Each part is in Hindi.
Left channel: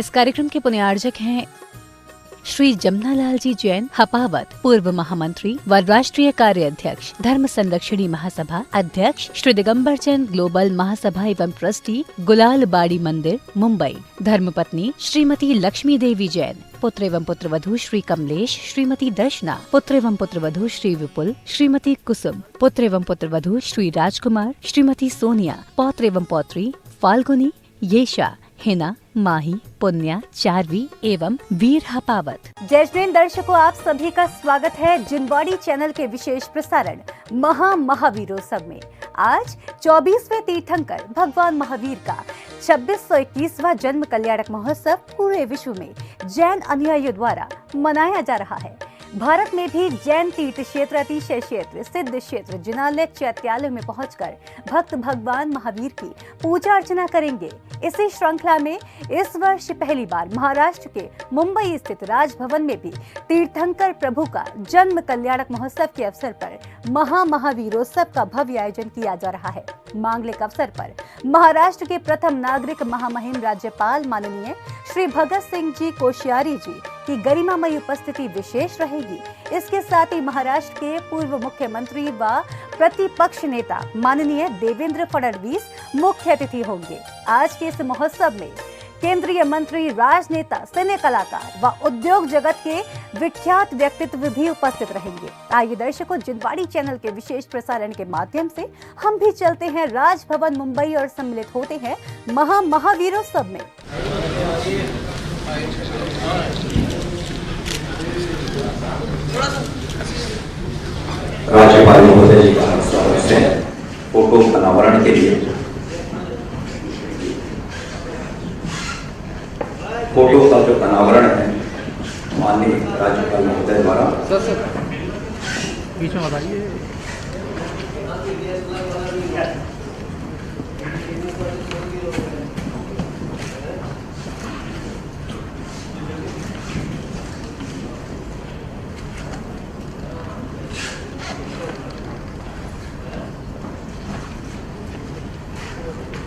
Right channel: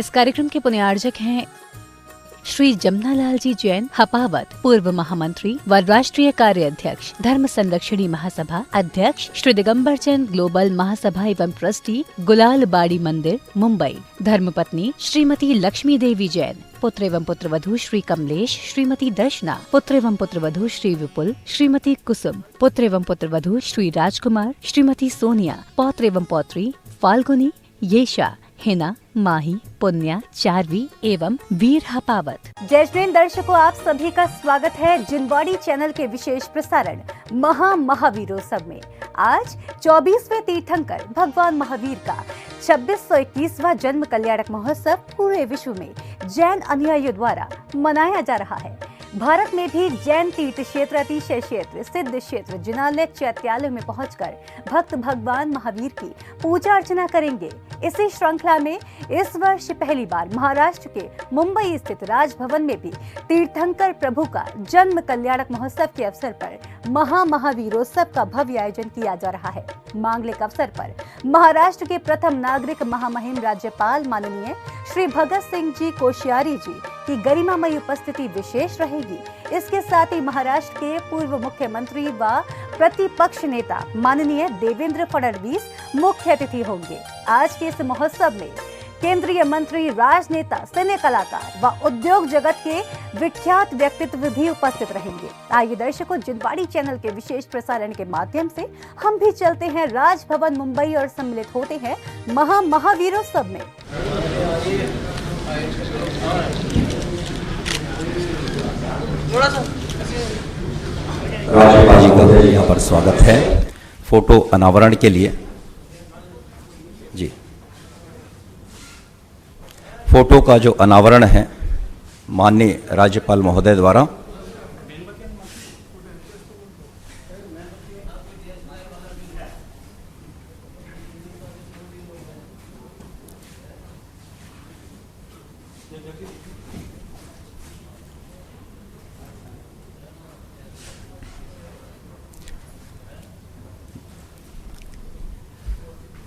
इस कार्यक्रम के पुण्यार्जक हैं श्री जमनालाल जी जैन हपावत, पूर्व महामंत्री व राष्ट्रीय कार्य अध्यक्ष, धर्म संरक्षणी महासभा अध्यक्ष, श्री दिगंबर चंद ग्लोबल महासभा एवं ट्रस्टी, गुलाल बाड़ी मंदिर, मुंबई। धर्मपत्नी श्रीमती लक्ष्मी देवी जैन, पुत्र एवं पुत्रवधू श्री कमलेश, श्रीमती दर्शना, पुत्र एवं पुत्रवधू श्री विपुल, श्रीमती कुसुम, पुत्र एवं पुत्रवधू श्री राजकुमार, श्रीमती सोनिया, पौत्र एवं पौत्री फाल्गुनी, येशा, हिना, माही, पुण्या, चारवी एवं वीर हपावत। जय जैन दर्शकों, आप सभी का स्वागत है जिनवाड़ी चैनल के विशेष प्रसारण महावीरोत्सव में। आज 24वें तीर्थंकर भगवान महावीर का 2621वां जन्म कल्याणक महोत्सव पूरे विश्व में जैन अनुयायियों द्वारा मनाया जा रहा है। भारत में भी जैन तीर्थ क्षेत्र, अतिशय क्षेत्र, सिद्ध क्षेत्र, जिनालय, चैत्यालय में पहुंचकर भक्त भगवान महावीर की पूजा अर्चना करेंगे। इसी श्रृंखला में इस वर्ष पहली बार महाराष्ट्र के मुंबई स्थित राजभवन में भी तीर्थंकर प्रभु का जन्म कल्याणक महोत्सव के अवसर पर महावीरोत्सव का भव्य आयोजन किया जा रहा है। मांगलिक अवसर पर महाराष्ट्र के प्रथम नागरिक महामहिम राज्यपाल माननीय श्री भगत सिंह जी कोश्यारी जी की गरिमामयी उपस्थिति विशेष रहेगी। इसके साथ ही महाराष्ट्र के पूर्व मुख्यमंत्री व प्रतिपक्ष नेता माननीय देवेंद्र फडणवीस मुख्य अतिथि होंगे। आज के इस महोत्सव में केंद्रीय मंत्री, राजनेता, सिने कलाकार व उद्योग जगत के विख्यात व्यक्तित्व भी उपस्थित रहेंगे। आइए दर्शकों, जिनवाड़ी चैनल के विशेष प्रसारण के माध्यम से हम भी चलते हैं राजभवन मुंबई और सम्मिलित होते हैं महावीरोत्सव में। राज्यपाल महोदय जी का स्वागत है फोटो अनावरण के लिए। फोटो का जो अनावरण है माननीय राज्यपाल महोदय द्वारा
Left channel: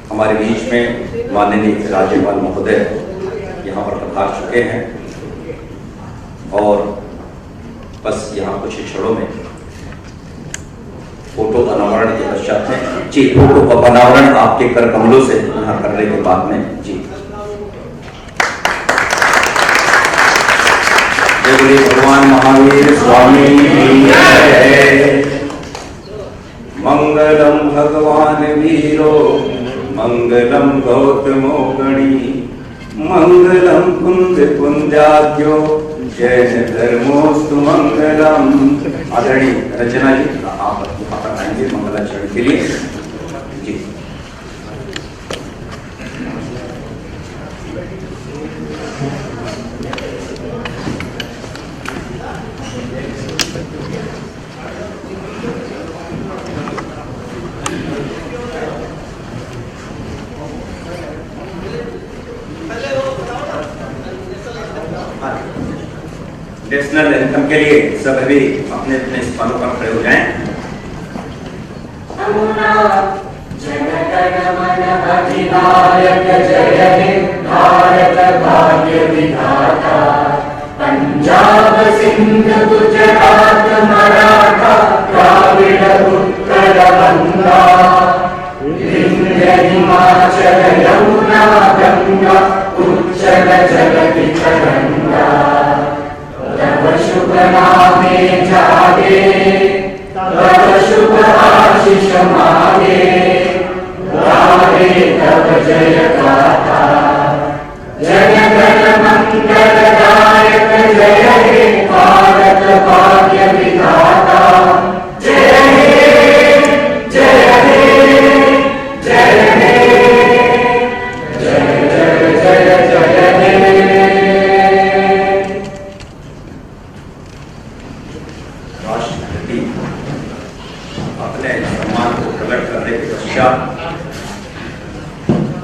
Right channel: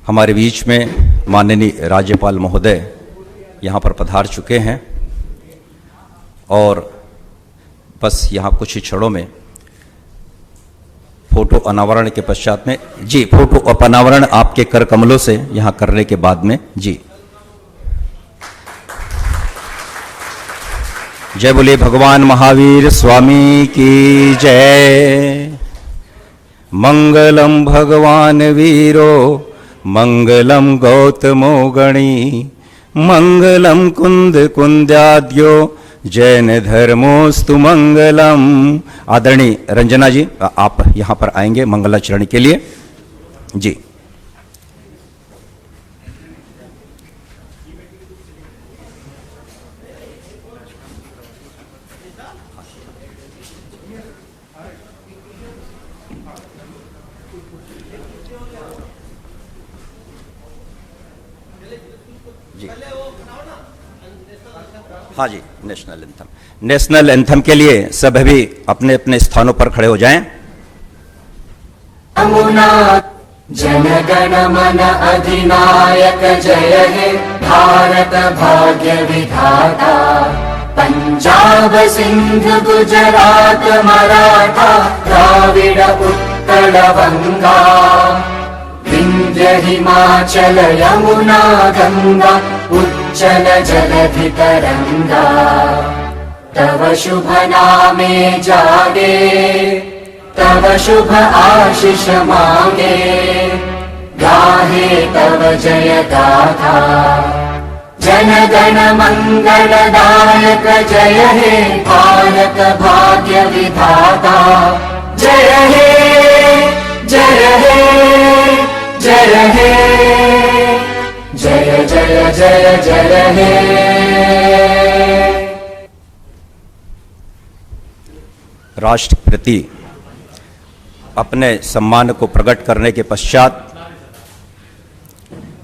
हमारे बीच में माननीय राज्यपाल महोदय यहाँ पर पधार चुके हैं और बस यहाँ कुछ ही क्षणों में फोटो अनावरण के पश्चात में जी फोटो अनावरण आपके कर कमलों से यहाँ करने के बाद में जी जय बोले भगवान महावीर स्वामी की जय। मंगलम भगवान वीरो मंगलम गौतमो गणी मंगलम कुंद कुंद्याद्यो जैन धर्मोस्तु मंगलम। आदरणीय रंजना जी आप यहाँ पर आएंगे मंगलाचरण के लिए जी। हाँ जी, नेशनल एंथम के लिए सब भी अपने अपने स्थानों पर खड़े हो जाएं। जन गण मन अधिनायक जय हे भारत भाग्य विधाता। पंजाब सिंध गुजरात मराठा द्राविड़ उत्कल बंगा। विंध्य हिमाचल यमुना गंगा उच्चल जलधि तरंगा। तव शुभ नामे जागे तव शुभ आशीष मांगे। गाहे तव जय गाथा जन गण मंगलदायक जय हे भारत भाग्य विधाता। जय हे जय हे जय हे जय जय जय जय हे। राष्ट्र के प्रति अपने सम्मान को प्रकट करने के पश्चात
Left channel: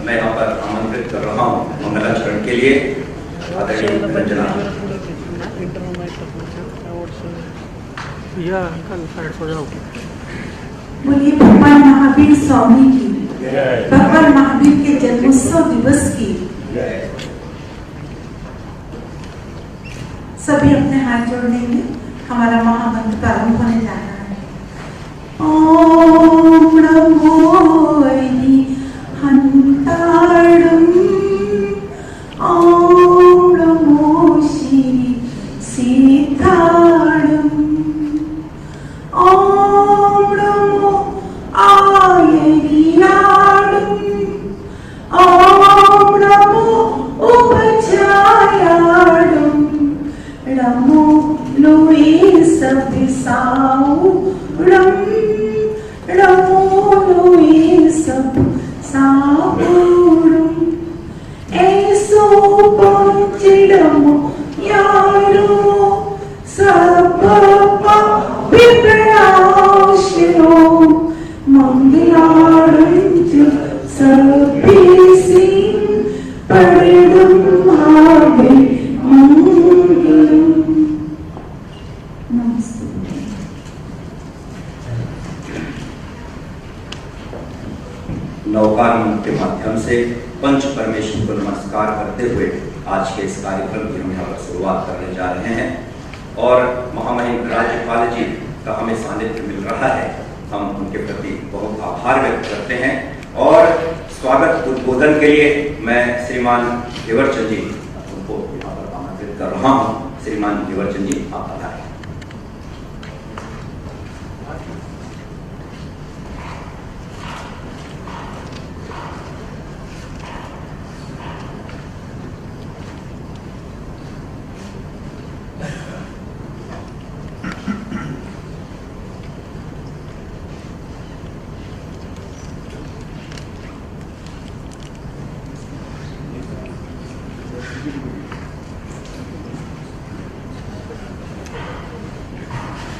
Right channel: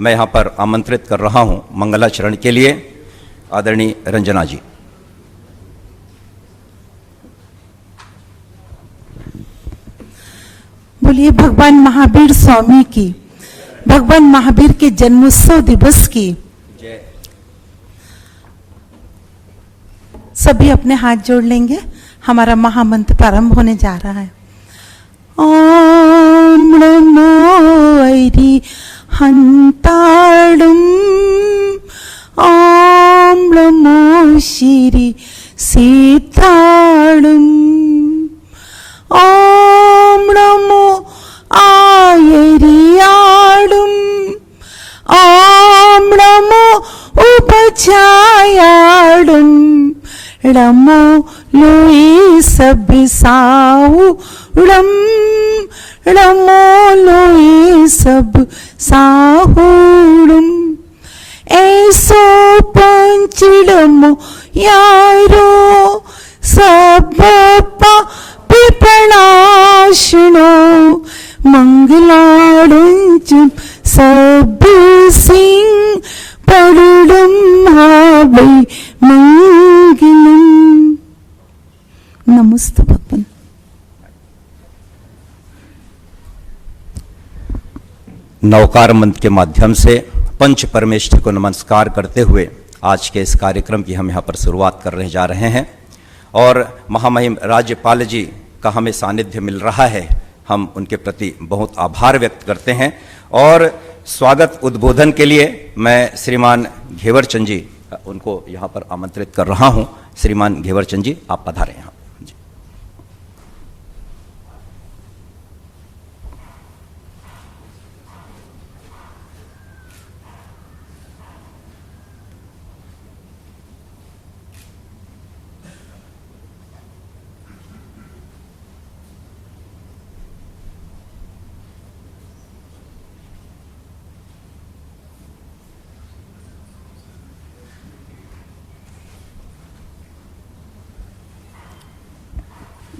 मैं यहाँ पर आमंत्रित कर रहा हूँ मंगलाचरण के लिए आदरणीय रंजना जी। बोलिए भगवान महावीर स्वामी की, भगवान महावीर के जन्मोत्सव दिवस की सभी अपने हाथ जोड़ लेंगे। हमारा महामंत्र प्रारंभ होने जा रहा है। ओम नमो हंताड़ुम, ओम नमो श्री सीताड़ुम, ओम नमो आयरियाड़ुम, ओम नमो उपचायाड़ुम, नमो लोई सबिसाउड़म, नमो लोई सब साहुड़ुम, ऐसो पंचड़मो यारो सब विप्रनाशनो, मंगलारुंज सब सिंह परुड़म हावे मंगलम। नमस्ते भगवान। नवकार मंत्र के माध्यम से पंच परमेश्वर को नमस्कार करते हुए आज के इस कार्यक्रम की हम यहाँ पर शुरुआत करने जा रहे हैं और महामहिम राज्यपाल जी का हमें सानिध्य मिल रहा है। हम उनके प्रति बहुत आभार व्यक्त करते हैं और स्वागत उद्बोधन के लिए मैं श्रीमान घेवर चंद जी उनको यहाँ पर आमंत्रित कर रहा हूँ। श्रीमान घेवर चंद जी, आप पधारें।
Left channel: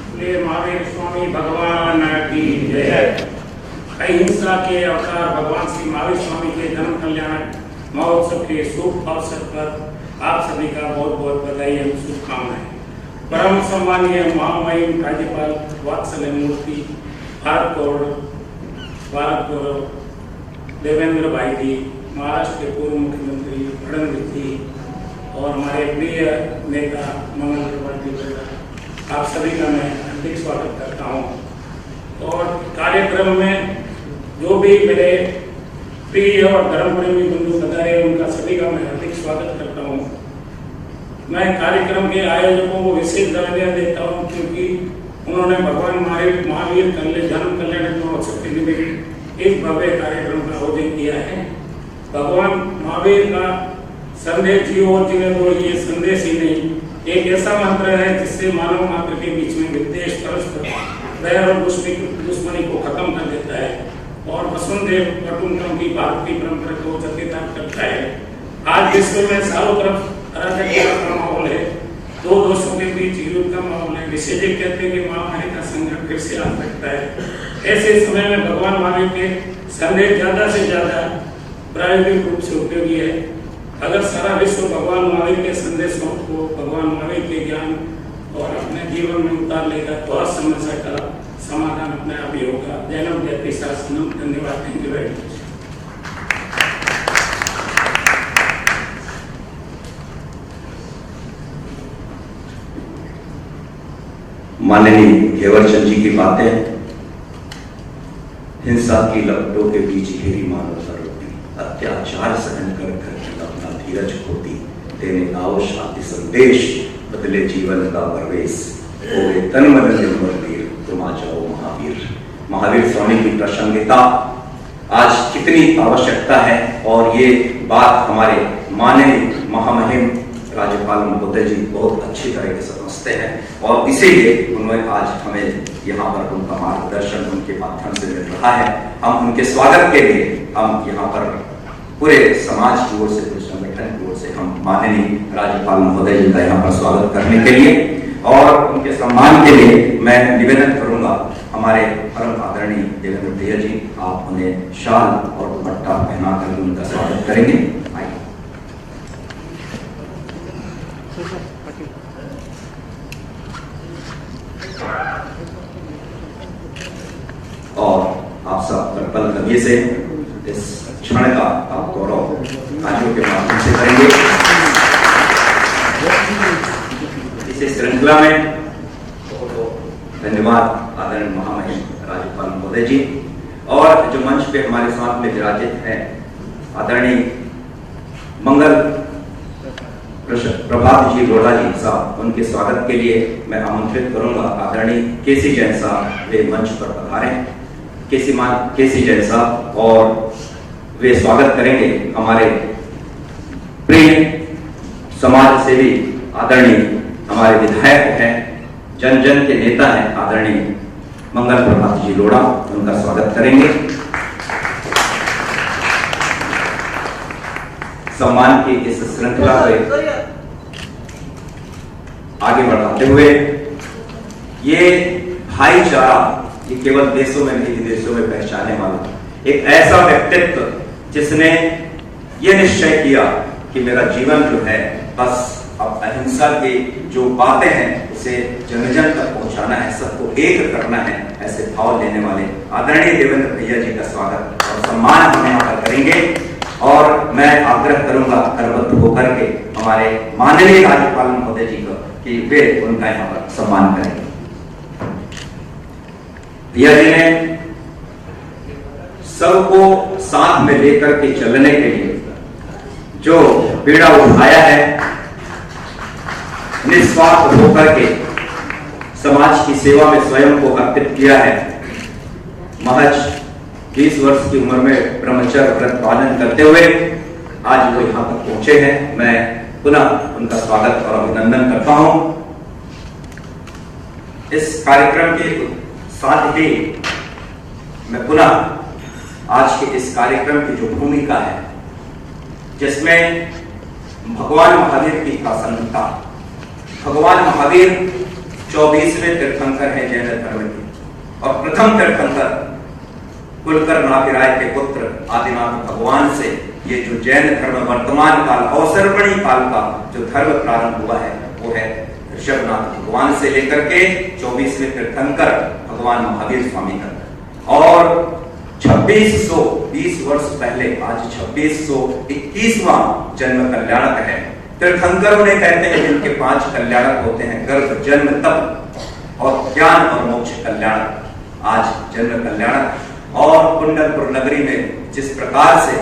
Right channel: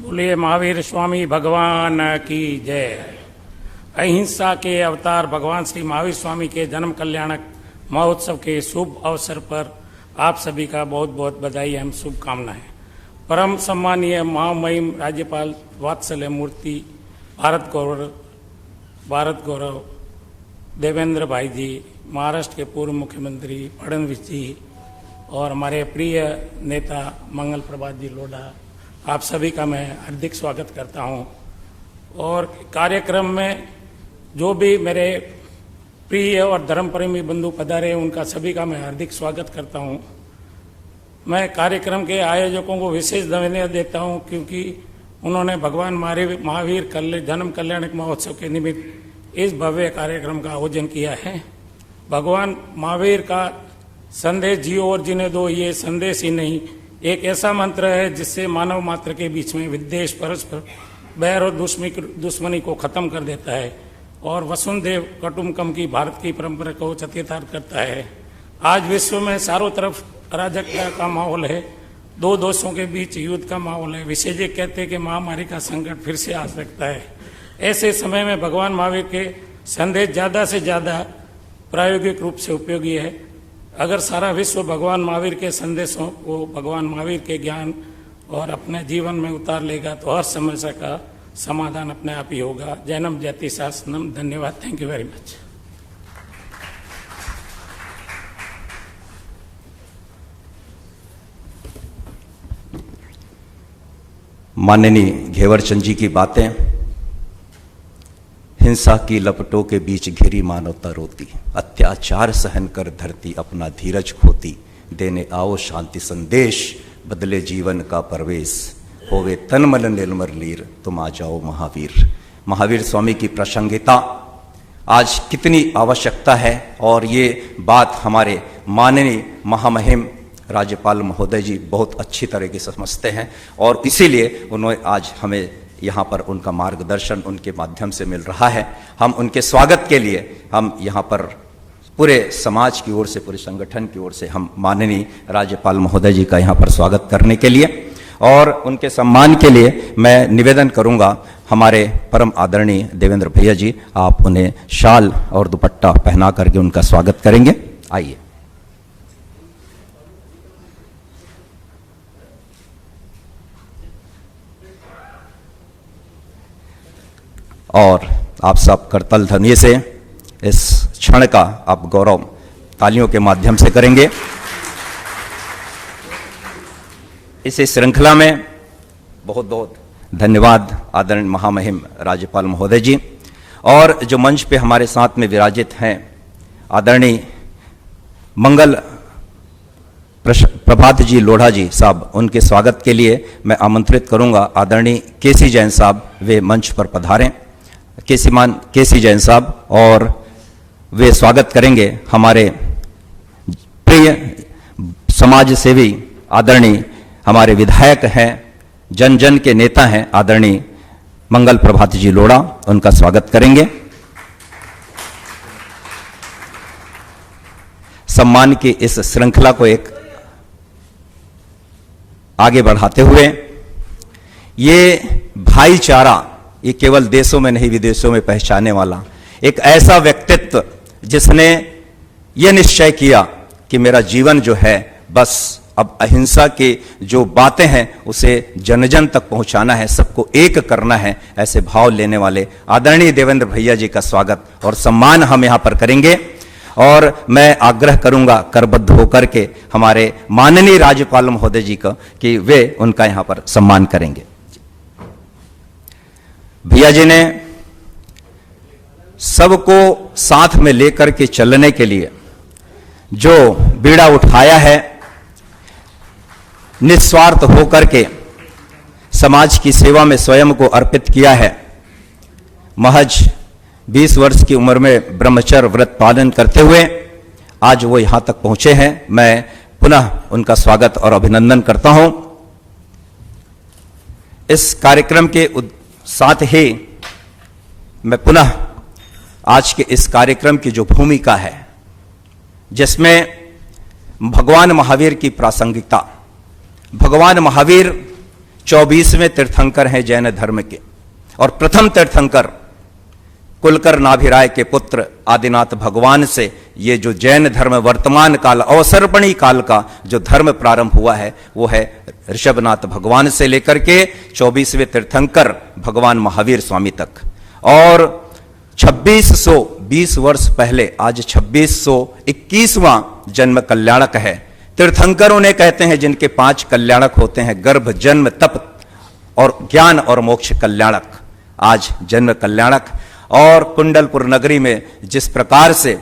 बोले महावीर स्वामी भगवान की जय। अहिंसा के अवतार भगवान श्री महावीर स्वामी के जन्म कल्याणक महोत्सव के शुभ अवसर पर आप सभी का बहुत बहुत बधाई एवं शुभकामनाएं। परम सम्मानीय महामहिम राज्यपाल वात्सल्य मूर्ति भारत गौरव देवेंद्र भाई जी, महाराष्ट्र के पूर्व मुख्यमंत्री फडणवीस जी और हमारे प्रिय नेता मंगल प्रभात जी, आप सभी का मैं हार्दिक स्वागत करता हूं। और कार्यक्रम में जो भी मेरे प्रिय और धर्मप्रेमी बंधु पधारे उनका सभी का मैं हार्दिक स्वागत करता हूं। मैं कार्यक्रम के आयोजकों को विशेष धन्यवाद देता हूं क्योंकि उन्होंने भगवान महावीर जन्म कल्याणक महोत्सव के निमित्त इस भव्य कार्यक्रम का आयोजन किया है। भगवान महावीर का संदेश जियो और जीने दो, ये संदेश ही नहीं, एक ऐसा मंत्र है जिससे मानव मात्र के बीच में विद्वेष, परस्पर बैर और दुश्मनी को खत्म कर देता है और वसुंधैव कुटुंबकम की भारत की परंपरा को चरितार्थ करता है। आज विश्व में चारों तरफ अराजकता का माहौल है, दो देशों के बीच युद्ध का माहौल है। विशेषज्ञ कहते हैं कि महामारी का संकट फिर से आ सकता है। ऐसे समय में भगवान महावीर के संदेश ज़्यादा से ज़्यादा प्रायोगिक रूप से उपयोगी है। अगर सारा विश्व भगवान महावीर के संदेशों को, भगवान महावीर के ज्ञान और अपने जीवन में उतार लेगा तो हर समस्या का समाधान अपने आप ही होगा। जैनम जयति शासनम। धन्यवाद। Thank you very much. माननीय घेवर चंद जी की बातें, हिंसा की लपटों के बीच घिरी मानवता रोती, अत्याचार सहन कर धरती अपना धीरज खोती, देने आओ शांति संदेश, बदले जीवन का परवेश, होवे तन मन निर्मल वीर, तुम आ जाओ महावीर। महावीर स्वामी की प्रासंगिकता आज कितनी आवश्यकता है और ये बात हमारे माननीय महामहिम राज्यपाल महोदय जी बहुत अच्छी तरह से समझते हैं और इसीलिए उन्होंने आज हमें यहाँ पर उनका मार्गदर्शन उनके माध्यम से मिल रहा है। हम उनके स्वागत के लिए हम यहाँ पर पूरे समाज की ओर से, पूरे संगठन की ओर से हम माननीय राज्यपाल महोदय जी का यहाँ पर स्वागत करने के लिए और उनके सम्मान के लिए मैं निवेदन करूँगा हमारे परम आदरणीय देवेंद्र भैया जी, आप उन्हें शाल और दुपट्टा पहना करके उनका स्वागत करेंगे। आइए। और आप सब करतल ध्वनि से इस क्षण का आप गौरव तालियों के माध्यम से करेंगे। इसी श्रृंखला में बहुत बहुत धन्यवाद आदरणीय महामहिम राज्यपाल महोदय जी, और जो मंच पे हमारे साथ में विराजित हैं आदरणीय मंगल प्रभात जी लोढ़ा जी साहब, उनके स्वागत के लिए मैं आमंत्रित करूंगा आदरणीय केसी जैन साहब, वे मंच पर पधारें। केसी जैन साहब, और वे स्वागत करेंगे हमारे प्रिय समाज सेवी आदरणीय हमारे विधायक हैं, जन जन के नेता हैं आदरणीय मंगल प्रभात जी लोढ़ा, उनका स्वागत करेंगे। सम्मान की इस श्रृंखला को एक आगे बढ़ाते हुए, ये भाईचारा ये केवल देशों में नहीं विदेशों में पहचाने वाला एक ऐसा व्यक्तित्व जिसने ये निश्चय किया कि मेरा जीवन जो है बस अब अहिंसा की जो बातें हैं उसे जन जन तक पहुंचाना है, सबको एक करना है, ऐसे भाव लेने वाले आदरणीय देवेंद्र भैया जी का स्वागत और सम्मान हम यहाँ पर करेंगे। और मैं आग्रह करूंगा करबद्ध होकर के हमारे माननीय राज्यपाल महोदय जी का कि वे उनका यहाँ पर सम्मान करेंगे। भैया जी ने सबको साथ में लेकर के चलने के लिए जो बीड़ा उठाया है, निस्वार्थ होकर के समाज की सेवा में स्वयं को अर्पित किया है। महज 20 वर्ष की उम्र में ब्रह्मचर्य व्रत पालन करते हुए आज वो यहां तक पहुंचे हैं। मैं पुनः उनका स्वागत और अभिनंदन करता हूं। इस कार्यक्रम के साथ ही मैं पुनः आज के इस कार्यक्रम की जो भूमिका है, जिसमें भगवान महावीर की प्रासंगिकता, भगवान महावीर 24वें तीर्थंकर हैं जैन धर्म के, और प्रथम तीर्थंकर कुलकर नाभिराय के पुत्र आदिनाथ भगवान से ये जो जैन धर्म वर्तमान काल अवसर्पणी काल का जो धर्म प्रारंभ हुआ है वो है ऋषभनाथ भगवान से लेकर के 24वें तीर्थंकर भगवान महावीर स्वामी तक। और 2620 वर्ष पहले आज 2621वां जन्म कल्याणक है। तीर्थंकरों ने कहते हैं जिनके 5 कल्याणक होते हैं, गर्भ जन्म तप और ज्ञान और मोक्ष कल्याणक, आज जन्म कल्याणक। और कुंडलपुर नगरी में जिस प्रकार से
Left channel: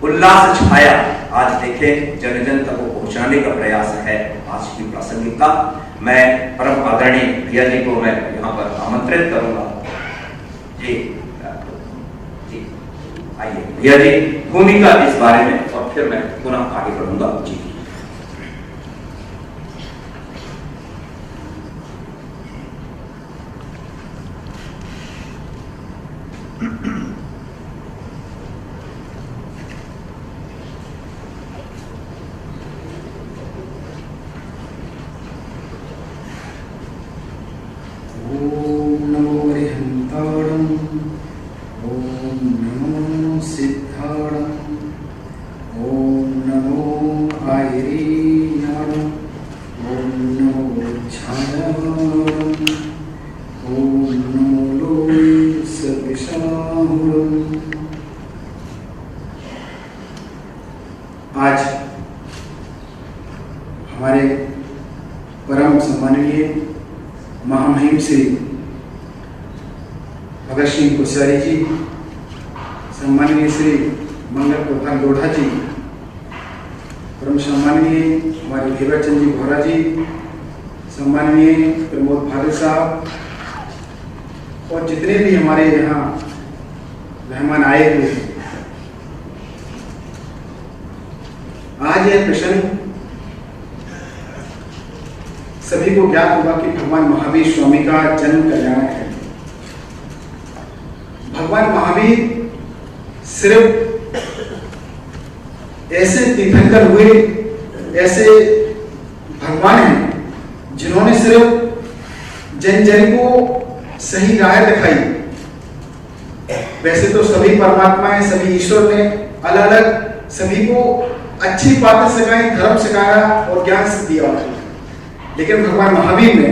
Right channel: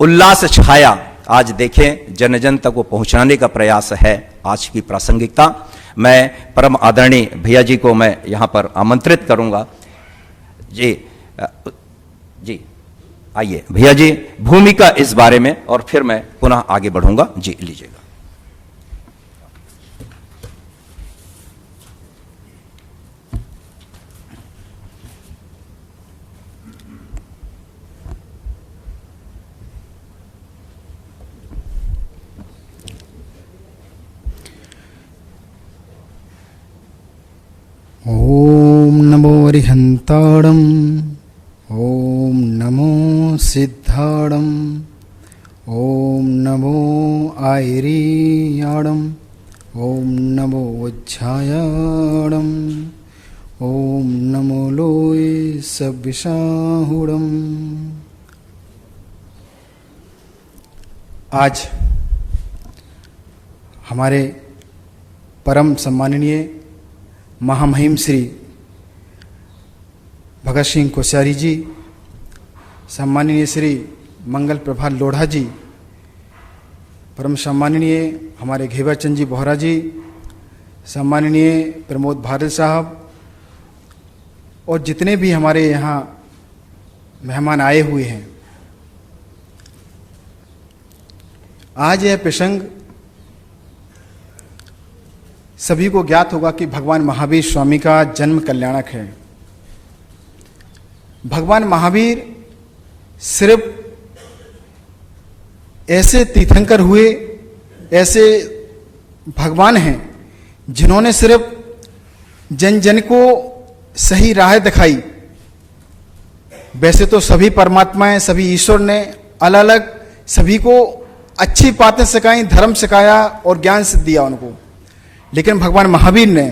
उल्लास छाया, आज देखें जन जन तक को पहुंचाने का प्रयास है आज की प्रासंगिकता। मैं परम आदरणीय भैया जी को मैं यहाँ पर आमंत्रित करूँगा। जी आइए भैया जी, भूमिका इस बारे में, और फिर मैं पुनः आगे बढ़ूंगा। जी लीजिए। ओम नमो अरिहंताणं, ओम नमो सिद्धाणं, ओम नमो आयरीयाणं, ओम नमो उज्झायाणं, ओम नमो लोय सविशाहुणं। आज हमारे परम सम्माननीय महामहिम श्री भगत सिंह कोश्यारी जी, सम्माननीय श्री मंगल प्रभात लोढ़ा जी, परम सम्माननीय हमारे घेवर चंद जी बोहरा जी, सम्माननीय प्रमोद भारत साहब, और जितने भी हमारे यहाँ मेहमान आए हुए हैं। आज यह प्रसंग सभी को ज्ञात होगा कि भगवान महावीर स्वामी का जन्म कल्याणक है। भगवान महावीर सिर्फ ऐसे तीर्थंकर हुए, ऐसे भगवान हैं जिन्होंने सिर्फ जन जन को सही राह दिखाई। वैसे तो सभी परमात्माएं, सभी ईश्वर ने अलग अलग सभी को अच्छी बातें सिखाई, धर्म सिखाया और ज्ञान दिया उनको, लेकिन भगवान महावीर ने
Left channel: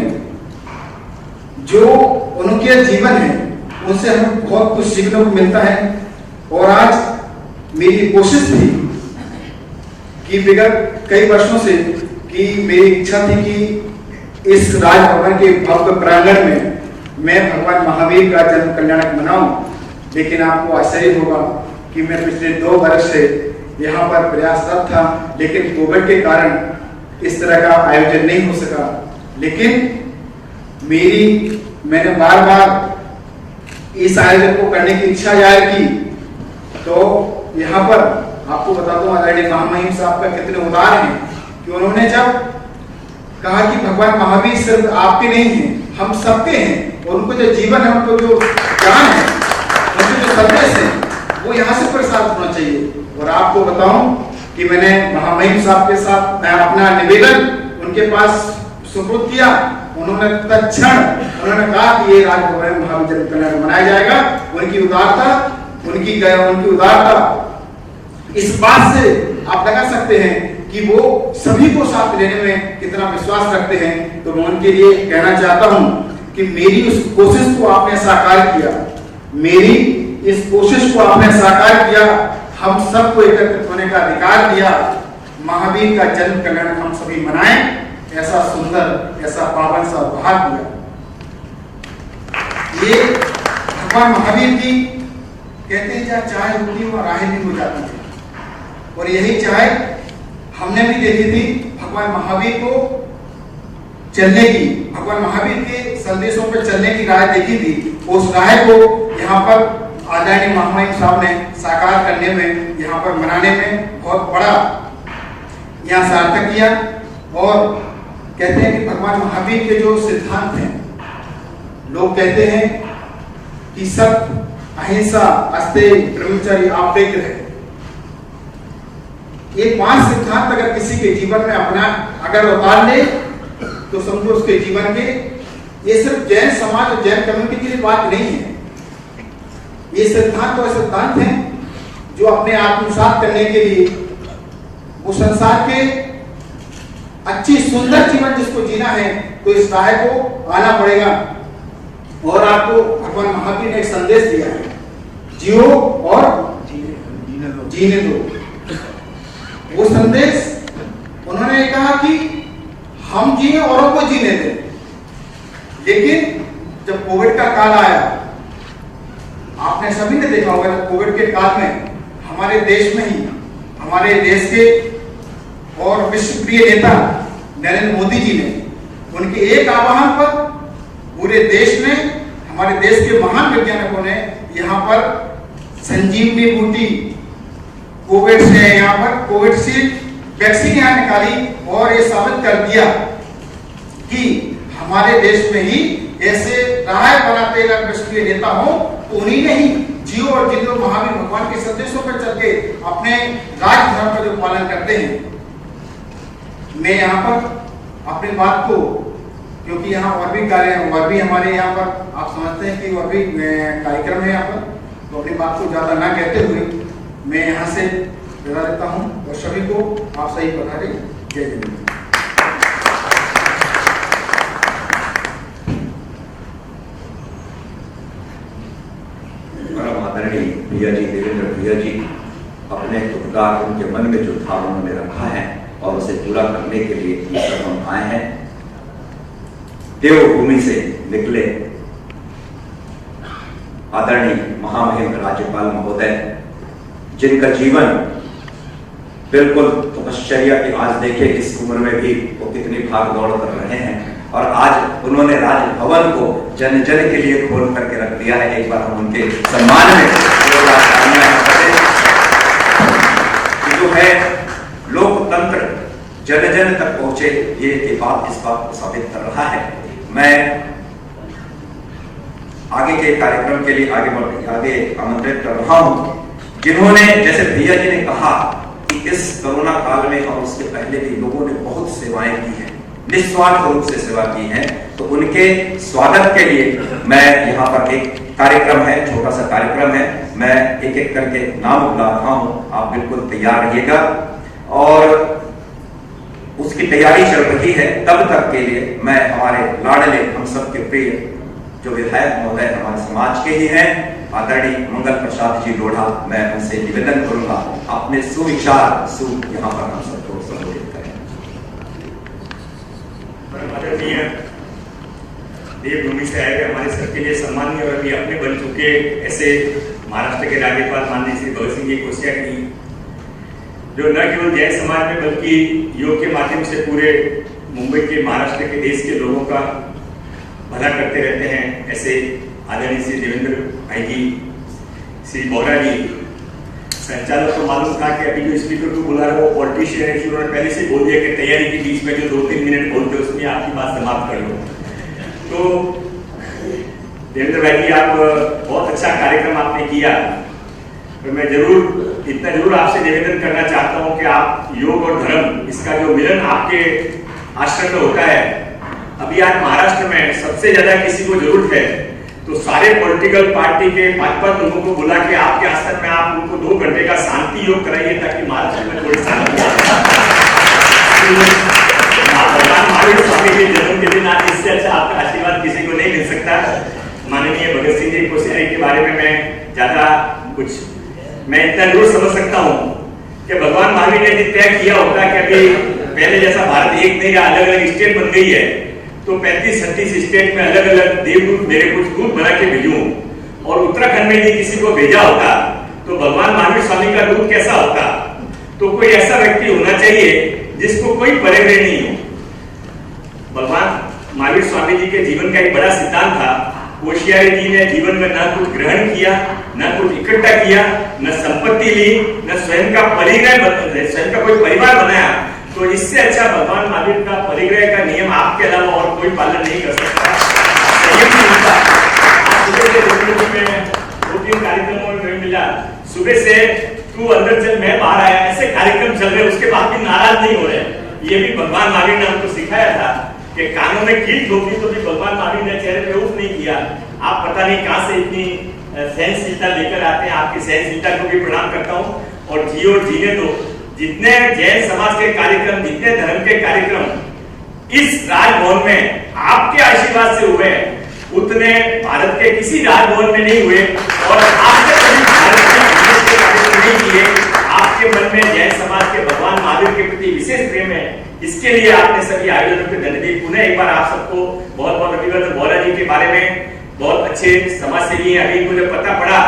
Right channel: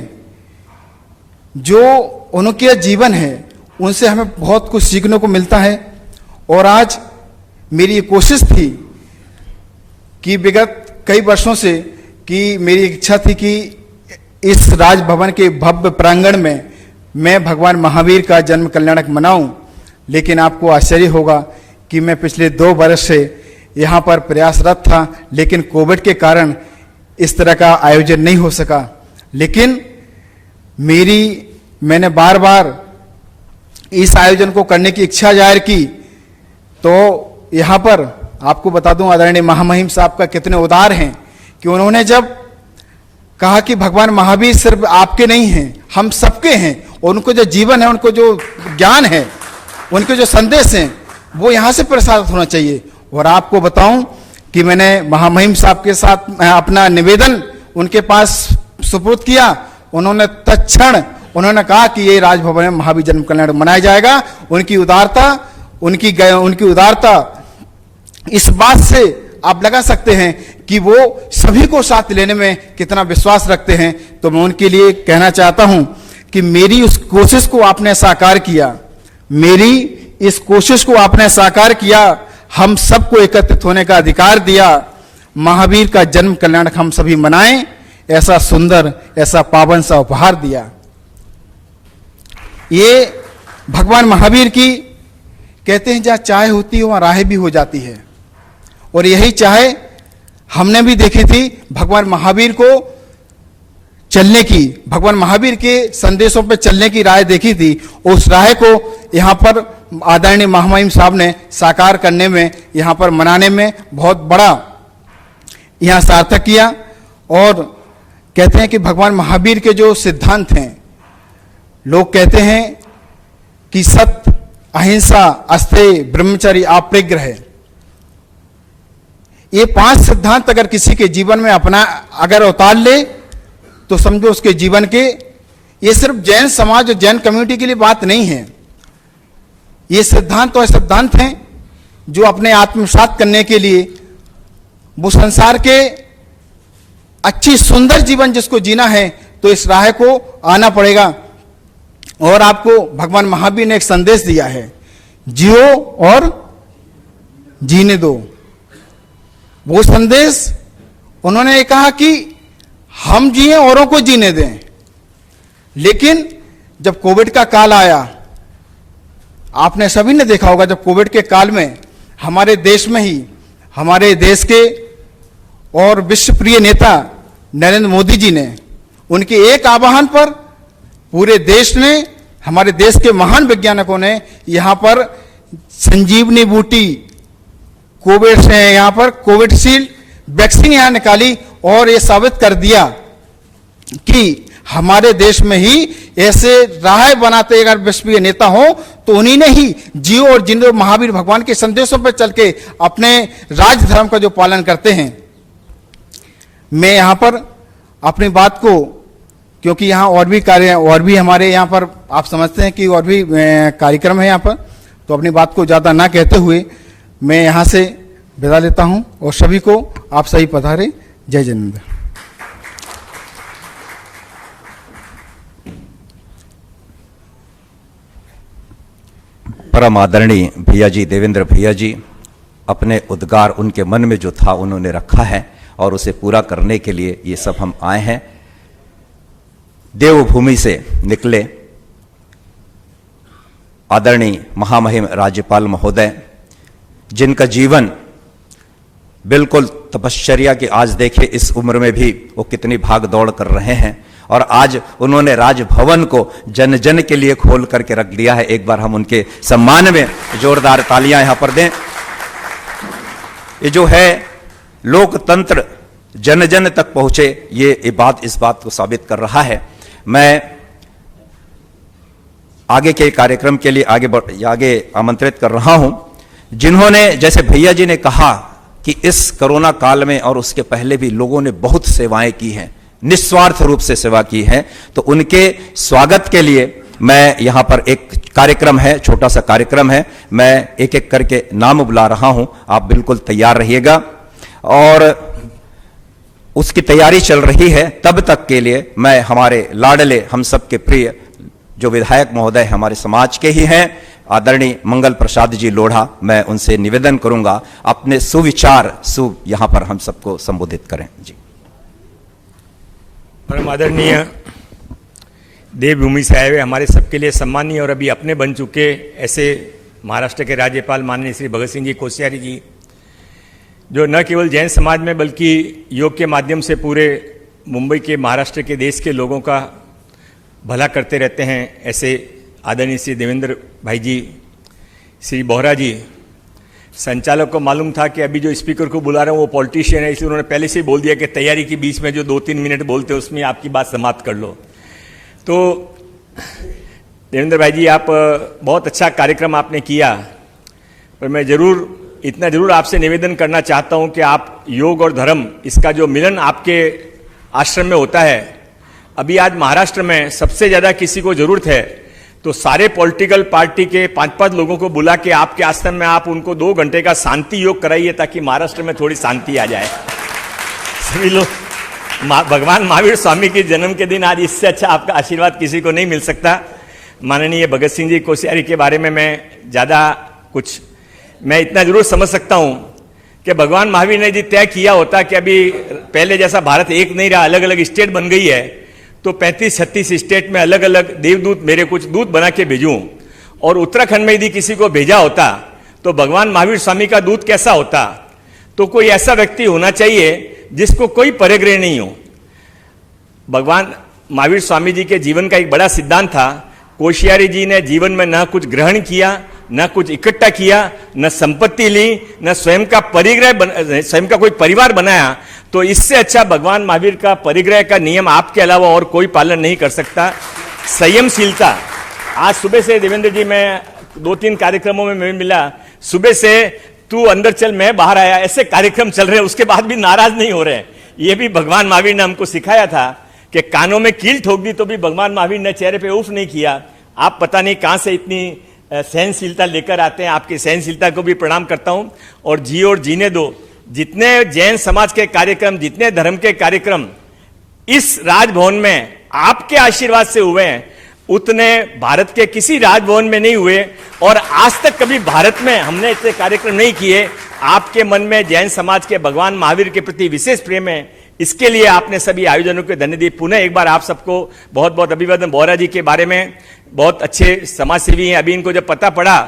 जो उनके जीवन है उनसे हमें बहुत कुछ सीखने को मिलता है। और आज मेरी कोशिश थी कि विगत कई वर्षों से कि मेरी इच्छा थी कि इस राजभवन के भव्य प्रांगण में मैं भगवान महावीर का जन्म कल्याणक मनाऊं, लेकिन आपको आश्चर्य होगा कि मैं पिछले 2 वर्ष से यहाँ पर प्रयासरत था, लेकिन कोविड के कारण इस तरह का आयोजन नहीं हो सका। लेकिन मैंने बार बार इस आयोजन को करने की इच्छा जाहिर की। तो यहाँ पर आपको बता दूं आदरणीय महामहिम साहब का कितने उदार हैं कि उन्होंने जब कहा कि भगवान महावीर सिर्फ आपके नहीं हैं, हम सबके हैं, उनको जो जीवन है, उनको जो ज्ञान है, उनके जो संदेश हैं, वो यहाँ से प्रसारित होना चाहिए। और आपको बताऊं कि मैंने महामहिम साहब के साथ अपना निवेदन उनके पास सुपुर्द किया। उन्होंने तत्क्षण उन्होंने कहा कि ये राजभवन में महावीर जन्म कल्याण मनाया जाएगा। उनकी उदारता इस बात से आप लगा सकते हैं कि वो सभी को साथ लेने में कितना विश्वास रखते हैं। तो मैं उनके लिए कहना चाहता हूं कि मेरी उस कोशिश को आपने साकार किया, मेरी इस कोशिश को आपने साकार किया, हम सबको एकत्रित होने का अधिकार दिया, महावीर का जन्म कल्याण हम सभी मनाएं, ऐसा सुंदर, ऐसा पावन सा उपहार दिया। ये भगवान महावीर की कहते हैं जहाँ चाय होती है वहाँ राह भी हो जाती है, और यही चाय हमने भी देखी थी भगवान महावीर को चलने की, भगवान महावीर के संदेशों पर चलने की राह देखी थी। उस राह को यहाँ पर आदरणीय महामहिम साहब ने साकार करने में, यहाँ पर मनाने में बहुत बड़ा यहाँ सार्थक किया। और कहते हैं कि भगवान महावीर के जो सिद्धांत हैं, लोग कहते हैं कि सत्य, अहिंसा, अस्तेय, ब्रह्मचर्य, अपरिग्रह, ये 5 सिद्धांत अगर किसी के जीवन में अगर उतार ले तो समझो उसके जीवन के, ये सिर्फ जैन समाज और जैन कम्युनिटी के लिए बात नहीं है। ये सिद्धांत और सिद्धांत हैं जो अपने आत्मसात करने के लिए वो संसार के अच्छी सुंदर जीवन जिसको जीना है तो इस राह को आना पड़ेगा। और आपको भगवान महावीर ने एक संदेश दिया है, जियो और जीने दो। वो संदेश उन्होंने कहा कि हम जिए औरों को जीने दें। लेकिन जब कोविड का काल आया, आपने सभी ने देखा होगा, जब कोविड के काल में हमारे देश में ही, हमारे देश के और विश्व प्रिय नेता नरेंद्र मोदी जी ने, उनके एक आह्वान पर पूरे देश ने, हमारे देश के महान वैज्ञानिकों ने यहाँ पर संजीवनी बूटी, कोविड से यहाँ पर कोविडशील्ड वैक्सीन यहाँ निकाली और ये साबित कर दिया कि हमारे देश में ही ऐसे राह बनाते अगर विश्वप्रिय नेता हो तो उन्हीं ने ही जियो और जिंदो महावीर भगवान के संदेशों पर चल के अपने राज धर्म का जो पालन करते हैं। मैं यहाँ पर अपनी बात को, क्योंकि यहाँ और भी हमारे यहाँ पर आप समझते हैं कि और भी कार्यक्रम है यहाँ पर, तो अपनी बात को ज़्यादा ना कहते हुए मैं यहाँ से विदा लेता हूँ और सभी को आप सही पधारे। जय जयमिंदर। परम आदरणीय भैया जी, देवेंद्र भैया जी, अपने उद्गार उनके मन में जो था उन्होंने रखा है और उसे पूरा करने के लिए ये सब हम आए हैं। देवभूमि से निकले आदरणीय महामहिम राज्यपाल महोदय, जिनका जीवन बिल्कुल तपश्चर्या की, आज देखिए इस उम्र में भी वो कितनी भाग दौड़ कर रहे हैं और आज उन्होंने राजभवन को जन जन के लिए खोल करके रख दिया है। एक बार हम उनके सम्मान में जोरदार तालियां यहाँ पर दें। तो जो है लोकतंत्र जन जन तक पहुंचे, ये इस बात को साबित कर रहा है। मैं आगे के कार्यक्रम के लिए आगे आमंत्रित कर रहा हूं, जिन्होंने, जैसे भैया जी ने कहा कि इस कोरोना काल में और उसके पहले भी लोगों ने बहुत सेवाएं की हैं, निस्वार्थ रूप से सेवा की है, तो उनके स्वागत के लिए मैं यहाँ पर एक कार्यक्रम है, छोटा सा कार्यक्रम है, मैं एक एक करके नाम बुला रहा हूँ, आप बिल्कुल तैयार रहिएगा। और उसकी तैयारी चल रही है, तब तक के लिए मैं हमारे लाडले, हम सबके प्रिय जो विधायक महोदय हमारे समाज के ही हैं, आदरणीय मंगल प्रसाद जी लोढ़ा, मैं उनसे निवेदन करूंगा अपने सुविचार यहाँ पर हम सबको संबोधित करें। परम आदरणीय देवभूमि से आए हुए हमारे सबके लिए सम्मानीय और अभी अपने बन चुके ऐसे महाराष्ट्र के राज्यपाल माननीय श्री भगत सिंह जी कोश्यारी जी, जो न केवल जैन समाज में बल्कि योग के माध्यम से पूरे मुंबई के, महाराष्ट्र के, देश के लोगों का भला करते रहते हैं, ऐसे आदरणीय श्री देवेंद्र भाई जी, श्री बोहरा जी। संचालक को मालूम था कि अभी जो स्पीकर को बुला रहे हैं वो पॉलिटिशियन है, इसलिए उन्होंने पहले से बोल दिया कि तैयारी के बीच में जो 2-3 मिनट बोलते हैं उसमें आपकी बात समाप्त कर लो। तो देवेंद्र भाई जी, आप बहुत अच्छा कार्यक्रम आपने किया, पर मैं इतना जरूर आपसे निवेदन करना चाहता हूं कि आप योग और धर्म, इसका जो मिलन आपके आश्रम में होता है, अभी आज महाराष्ट्र में सबसे ज़्यादा किसी को ज़रूरत है तो सारे पॉलिटिकल पार्टी के 5-5 लोगों को बुला के आपके आश्रम में आप उनको 2 घंटे का शांति योग कराइए, ताकि महाराष्ट्र में थोड़ी शांति आ जाए। भगवान महावीर स्वामी के जन्म के दिन आज इससे अच्छा आपका आशीर्वाद किसी को नहीं मिल सकता। माननीय भगत सिंह जी कोश्यारी के बारे में मैं ज़्यादा कुछ, मैं इतना जरूर समझ सकता हूँ कि भगवान महावीर ने जो तय किया होता कि अभी पहले जैसा भारत एक नहीं रहा, अलग अलग स्टेट बन गई है, तो 35-36 स्टेट में अलग अलग देवदूत, मेरे कुछ दूत बना के भेजूं, और उत्तराखंड में यदि किसी को भेजा होता तो भगवान महावीर स्वामी का दूत कैसा होता? तो कोई ऐसा व्यक्ति होना चाहिए जिसको कोई परिग्रह नहीं हो। भगवान महावीर स्वामी जी के जीवन का एक बड़ा सिद्धांत था, कोश्यारी जी ने जीवन में न कुछ ग्रहण किया, न कुछ इकट्ठा किया, न संपत्ति ली, न स्वयं का परिग्रह, स्वयं का कोई परिवार बनाया। तो इससे अच्छा भगवान महावीर का परिग्रह का नियम आपके अलावा और कोई पालन नहीं कर सकता। संयमशीलता, आज सुबह से देवेंद्र जी में 2-3 कार्यक्रमों में मैं मिला, सुबह से तू अंदर चल मैं बाहर आया, ऐसे कार्यक्रम चल रहे, उसके बाद भी नाराज नहीं हो रहे। ये भी भगवान महावीर ने हमको सिखाया था कि कानों में कील ठोक दी तो भी भगवान महावीर ने चेहरे पे उफ नहीं किया। आप पता नहीं कहाँ से इतनी सहनशीलता लेकर आते हैं, आपकी सहनशीलता को भी प्रणाम करता हूँ। और जी और जीने दो, जितने जैन समाज के कार्यक्रम, जितने धर्म के कार्यक्रम इस राजभवन में आपके आशीर्वाद से हुए हैं, उतने भारत के किसी राजभवन में नहीं हुए, और आज तक कभी भारत में हमने इसके कार्यक्रम नहीं किए। आपके मन में जैन समाज के भगवान महावीर के प्रति विशेष प्रेम है, इसके लिए आपने सभी आयोजनों को धन्यवाद दिए। पुनः एक बार आप सबको बहुत बहुत अभिवादन। बोहरा जी के बारे में बहुत अच्छे समाजसेवी हैं। अभी इनको जब पता पड़ा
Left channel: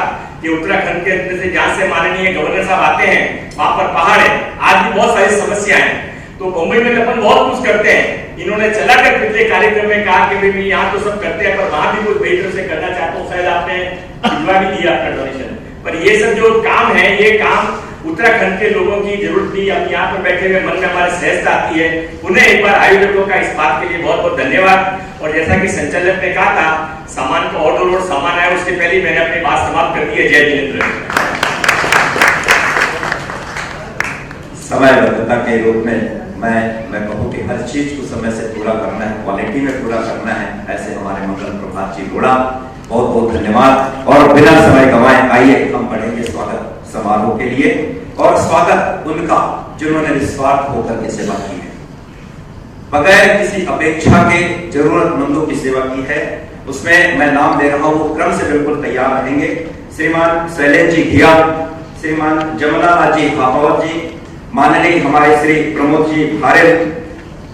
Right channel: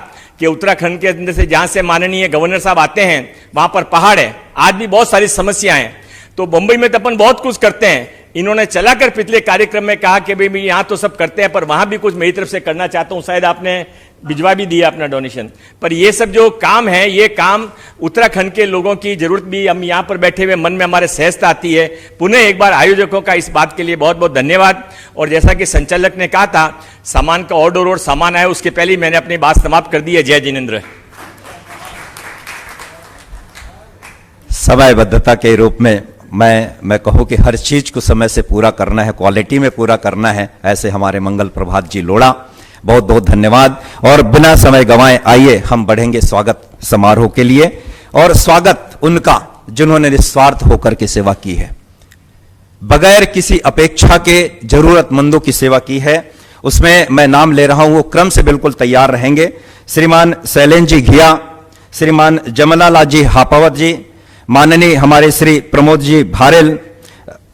कि उत्तराखंड के अंदर से जहाँ से माननीय गवर्नर साहब आते हैं वहाँ पर पहाड़ है, आज भी बहुत सारी समस्याएं हैं, तो मुंबई में तो अपन बहुत कुछ करते हैं। इन्होंने चलाकर पिछले कार्यक्रम में कहा कि भाई यहाँ तो सब करते हैं, पर वहाँ भी कुछ मेरी तरफ से करना चाहता हूँ। शायद आपने भिजवा भी दिया अपना डोनेशन, पर ये सब जो काम है, ये काम उत्तराखंड के लोगों की जरूरत भी, हम यहाँ पर बैठे हुए मन में हमारे सहजता आती है। पुनः एक बार आयोजकों का इस बात के लिए बहुत बहुत धन्यवाद। और जैसा कि संचालक ने कहा था, सामान का ऑर्डर और सामान आया, उसके पहले ही मैंने अपनी बात समाप्त कर दी है। जय जिनेंद्र। समयबद्धता के रूप में मैं कहूँ कि हर चीज को समय से पूरा करना है, क्वालिटी में पूरा करना है, ऐसे हमारे मंगल प्रभात जी लोढ़ा, बहुत बहुत धन्यवाद। और बिना समय गंवाए आइए हम बढ़ेंगे स्वागत समारोह के लिए। और स्वागत उनका जिन्होंने निस्वार्थ होकर के सेवा की है, बगैर किसी अपेक्षा के जरूरतमंदों की सेवा की है। उसमें मैं नाम ले रहा हूं, वो क्रम से बिल्कुल तैयार रहेंगे। श्रीमान शैलेंद्र जी घिया, श्रीमान जमनालाल जी हापावत जी, माननीय हमारे श्री प्रमोद जी भारेल,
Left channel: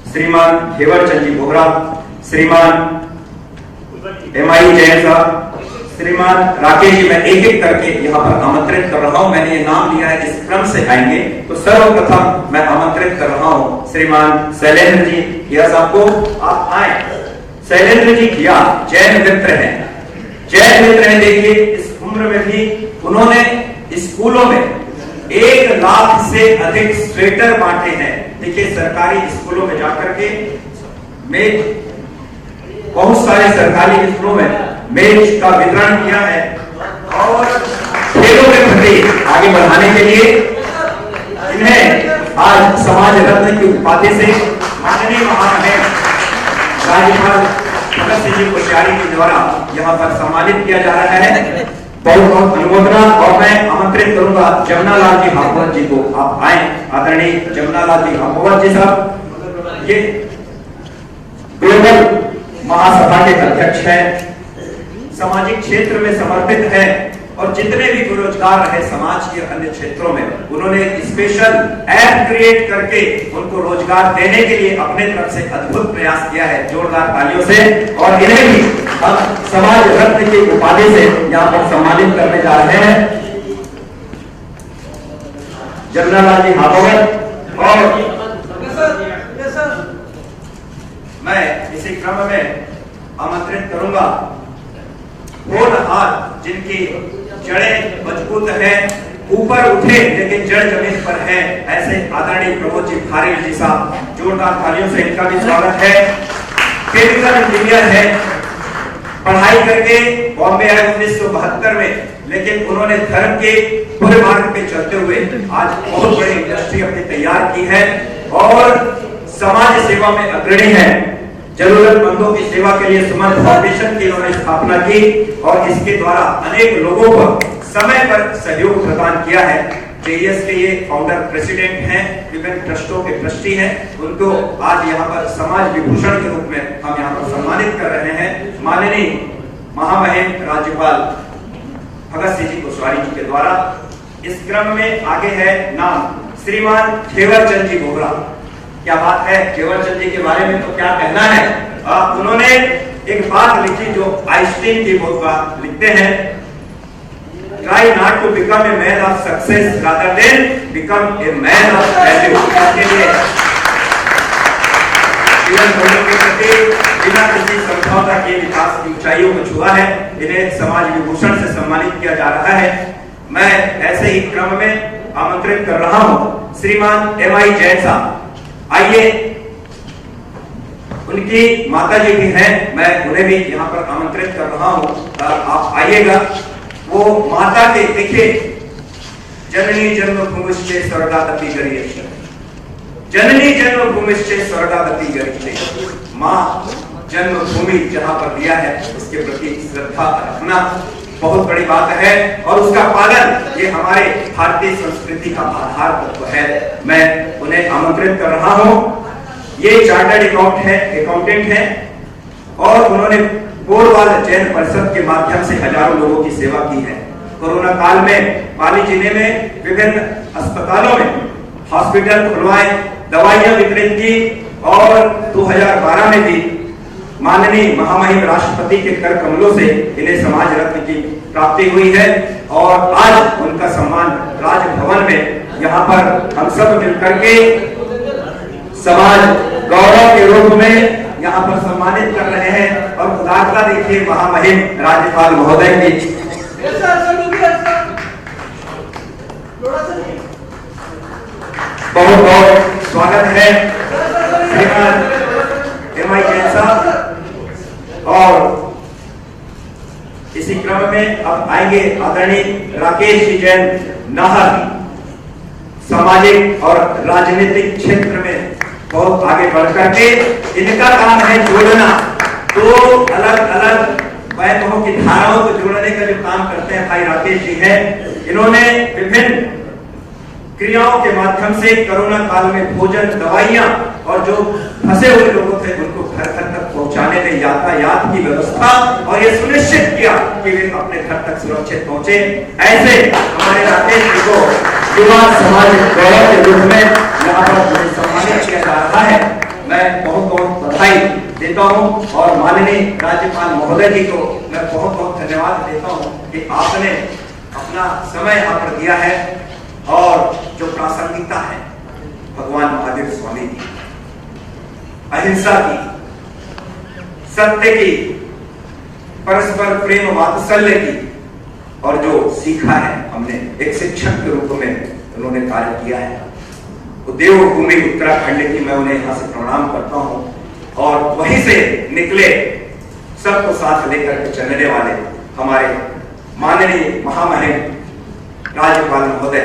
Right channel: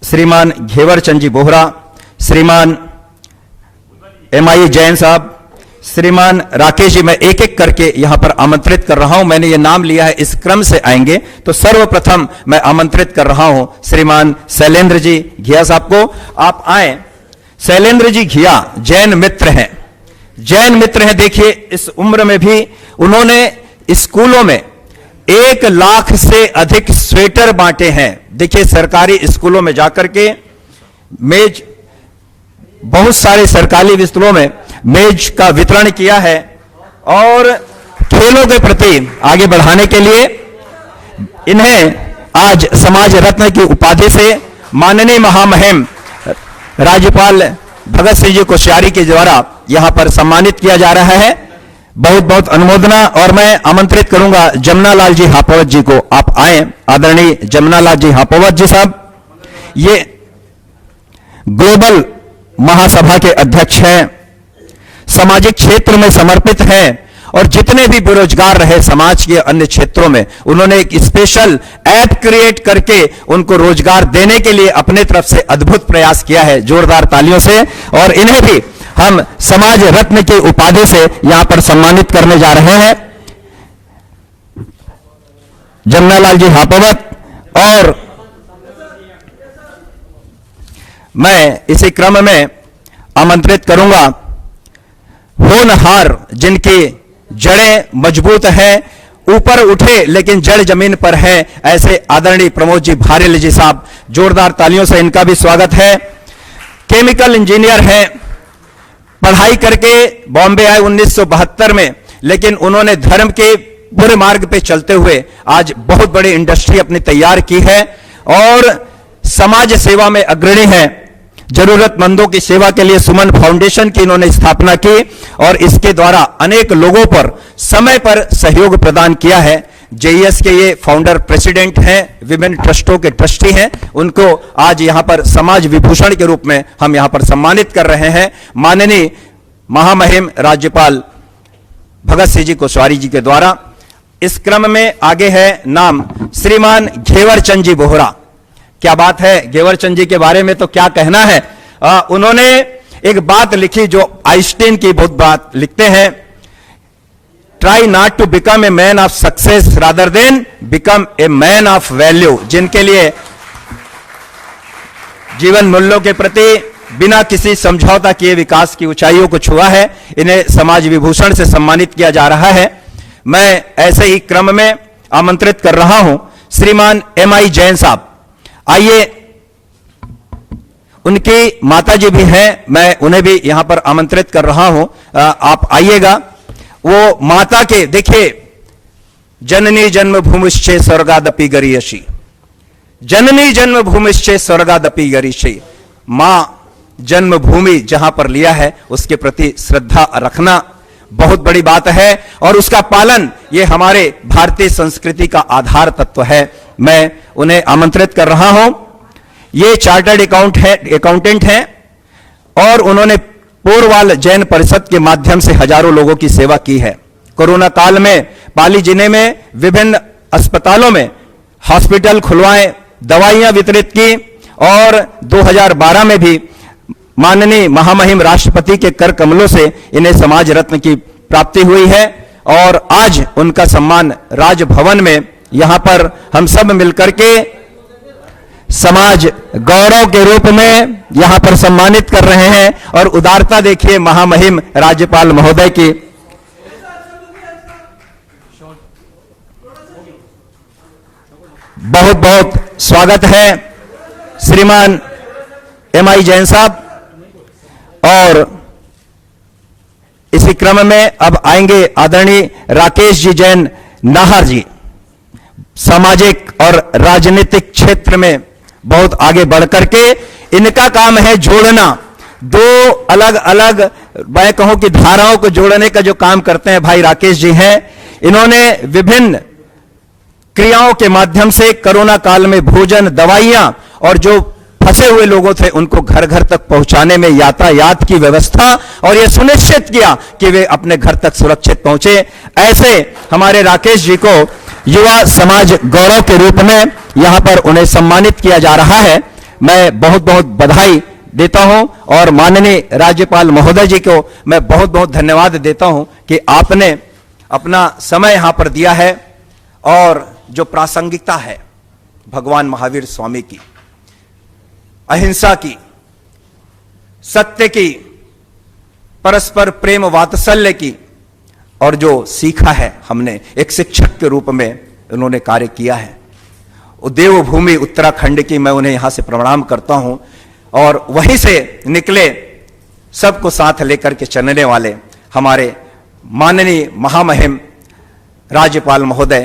श्रीमान घेवरचंद जी बोहरा, श्रीमान MI जैन साहब, श्रीमान राकेश जी, मैं एक एक करके यहां पर आमंत्रित कर रहा हूं। मैंने ये नाम लिया है, इस क्रम से आएंगे। तो सर्वप्रथम मैं आमंत्रित कर रहा हूं श्रीमान शैलेंद्र जी घिया साहब को, आप आए। शैलेंद्र जी घिया जैन मित्र हैं, जैन मित्र हैं। देखिए इस उम्र में भी उन्होंने स्कूलों में 1 लाख से अधिक स्वेटर बांटे हैं। देखिए सरकारी स्कूलों में जाकर के मेज, बहुत सारे सरकारी स्कूलों में मेज का वितरण किया है, और खेलों के प्रति आगे बढ़ाने के लिए इन्हें आज समाज रत्न की उपाधि से माननीय महामहिम राज्यपाल भगत सिंह जी कोश्यारी के द्वारा यहां पर सम्मानित किया जा रहा है। बहुत बहुत अनुमोदना। और मैं आमंत्रित करूंगा जमनालाल जी हापावत जी को, आप आए। आदरणीय जमनालाल जी हापावत जी साहब, ये ग्लोबल महासभा के अध्यक्ष हैं, सामाजिक क्षेत्र में समर्पित हैं, और जितने भी बेरोजगार रहे समाज के अन्य क्षेत्रों में, उन्होंने एक स्पेशल ऐप क्रिएट करके उनको रोजगार देने के लिए अपने तरफ से अद्भुत प्रयास किया है। जोरदार तालियों से। और इन्हें भी हम समाज रत्न की उपाधि से यहां पर सम्मानित करने जा रहे हैं। जमनालाल जी हापोवत। और मैं इसी क्रम में आमंत्रित करूंगा होनहार जिनकी जड़ें मजबूत हैं, ऊपर उठे लेकिन जड़ जमीन पर है, ऐसे आदरणीय प्रमोद जी भारेल जी साहब। जोरदार तालियों से इनका भी स्वागत है। केमिकल इंजीनियर है, पढ़ाई करके बॉम्बे आए 1972 में, लेकिन उन्होंने धर्म के पूरे मार्ग पे चलते हुए आज बहुत बड़ी इंडस्ट्री अपनी तैयार की है और समाज सेवा में अग्रणी है। जरूरतमंदों की सेवा के लिए सुमन फाउंडेशन की इन्होंने स्थापना की और इसके द्वारा अनेक लोगों पर समय पर सहयोग प्रदान किया है। जेईएस के ये फाउंडर प्रेसिडेंट हैं, विभिन्न ट्रस्टों के ट्रस्टी हैं। उनको आज यहां पर समाज विभूषण के रूप में हम यहां पर सम्मानित कर रहे हैं माननीय महामहिम राज्यपाल भगत सिंह जी कोश्यारी जी के द्वारा। इस क्रम में आगे है नाम श्रीमान घेवरचंद जी बोहरा। क्या बात है, घेवरचंद जी के बारे में तो क्या कहना है। उन्होंने एक बात लिखी जो आइंस्टीन की बहुत बात लिखते हैं, try not to become a man of success rather than become a man of value. जिनके लिए जीवन मूल्यों के प्रति बिना किसी समझौता किए विकास की ऊंचाइयों को छुआ है, इन्हें समाज विभूषण से सम्मानित किया जा रहा है। मैं ऐसे ही क्रम में आमंत्रित कर रहा हूं श्रीमान MI जैन साहब। आइए, उनकी माता जी भी हैं, मैं उन्हें भी यहां पर आमंत्रित कर रहा हूं, आप आइएगा। वो माता के देखिए, जननी जन्मभूमिश्चे स्वर्गादपि गरीयसी, जननी जन्मभूमिश्चे स्वर्गादपि गरीयसी। मां जन्मभूमि जहां पर लिया है उसके प्रति श्रद्धा रखना बहुत बड़ी बात है और उसका पालन ये हमारे भारतीय संस्कृति का आधार तत्व है। मैं उन्हें आमंत्रित कर रहा हूं। ये चार्टर्ड अकाउंटेंट हैं और उन्होंने पोरवाल जैन परिषद के माध्यम से हजारों लोगों की सेवा की है। कोरोना काल में पाली जिले में विभिन्न अस्पतालों में हॉस्पिटल खुलवाए, दवाइयां वितरित की और 2012 में भी माननीय महामहिम राष्ट्रपति के कर कमलों से इन्हें समाज रत्न की प्राप्ति हुई है और आज उनका सम्मान राजभवन में यहां पर हम सब मिलकर के समाज गौरव के रूप में यहां पर सम्मानित कर रहे हैं। और उदारता देखिए महामहिम राज्यपाल महोदय की। बहुत बहुत स्वागत है श्रीमान MI जैन साहब। और इसी क्रम में अब आएंगे आदरणीय राकेश जी जैन नाहर जी। सामाजिक और राजनीतिक क्षेत्र में बहुत आगे बढ़कर के इनका काम है जोड़ना, दो अलग अलग मैं कहूं कि धाराओं को जोड़ने का जो काम करते हैं भाई राकेश जी हैं। इन्होंने विभिन्न क्रियाओं के माध्यम से कोरोना काल में भोजन, दवाइयां और जो फंसे हुए लोगों थे उनको घर घर तक पहुंचाने में यातायात की व्यवस्था और यह सुनिश्चित किया कि वे अपने घर तक सुरक्षित पहुंचे। ऐसे हमारे राकेश जी को युवा समाज गौरव के रूप में यहां पर उन्हें सम्मानित किया जा रहा है। मैं बहुत बहुत बधाई देता हूं और माननीय राज्यपाल महोदय जी को मैं बहुत बहुत धन्यवाद देता हूं कि आपने अपना समय यहां पर दिया है और जो प्रासंगिकता है भगवान महावीर स्वामी की, अहिंसा की, सत्य की, परस्पर प्रेम वात्सल्य की और जो सीखा है हमने एक शिक्षक के रूप में उन्होंने कार्य किया है। देवभूमि उत्तराखंड की मैं उन्हें यहां से प्रणाम करता हूं और वहीं से निकले सबको साथ लेकर के चलने वाले हमारे माननीय महामहिम राज्यपाल महोदय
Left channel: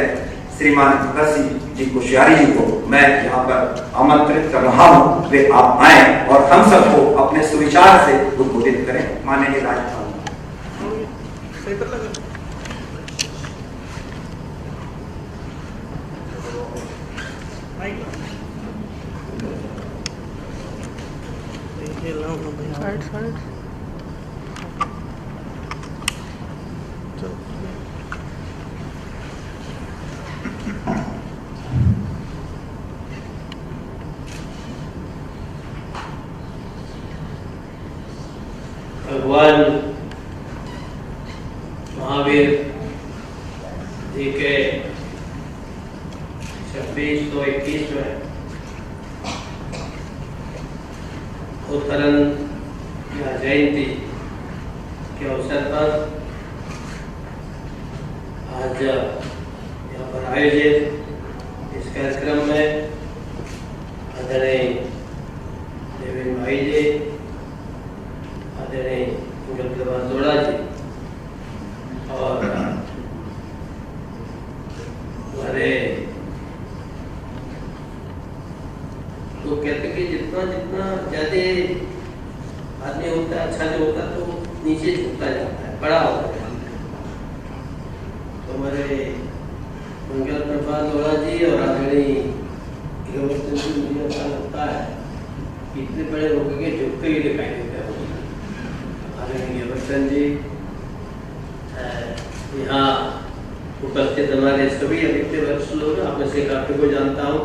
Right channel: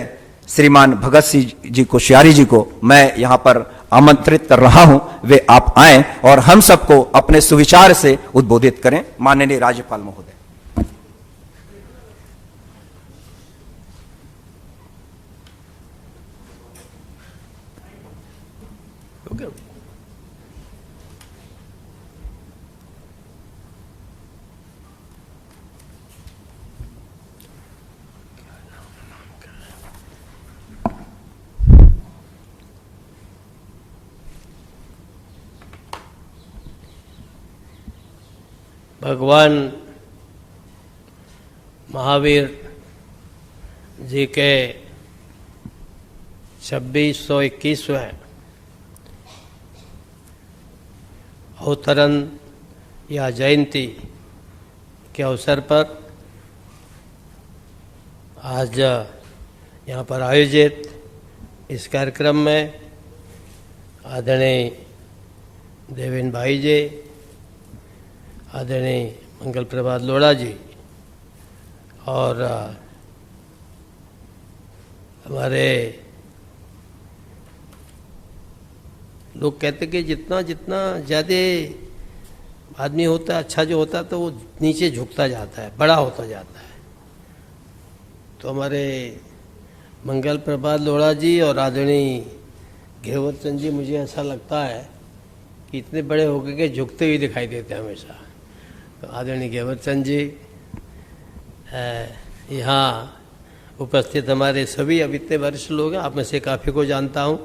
श्रीमान भगत सिंह जी कोश्यारी जी को मैं यहां पर आमंत्रित कर रहा हूं। वे आप आए और हम सबको अपने सुविचार से उद्बोधित करें। माननीय राज्यपाल महोदय। भगवान महावीर जी के 2621वें अवतरण या जयंती के अवसर पर आज यहाँ पर आयोजित इस कार्यक्रम में आदरणीय देवेंद्र भाई जी, आदरणीय मंगल प्रभात लोढ़ा जी और हमारे लोग कहते कि जितना जितना ज़्यादा आदमी होता है, अच्छा जो होता है तो वो नीचे झुकता जाता है, बड़ा होता जाता है। तो हमारे मंगल प्रभात लोढ़ा जी और आदरणीय घेवर चंद जी, मुझे ऐसा लगता है कि इतने बड़े हो गए कि झुकते हुए दिखाई देते हैं मुझे। तो आदरणीय घेवर चंद जी, यहाँ उपस्थित हमारे सभी अब इतने वरिष्ठ लोग हैं, आप में से काफ़ी को जानता हूँ।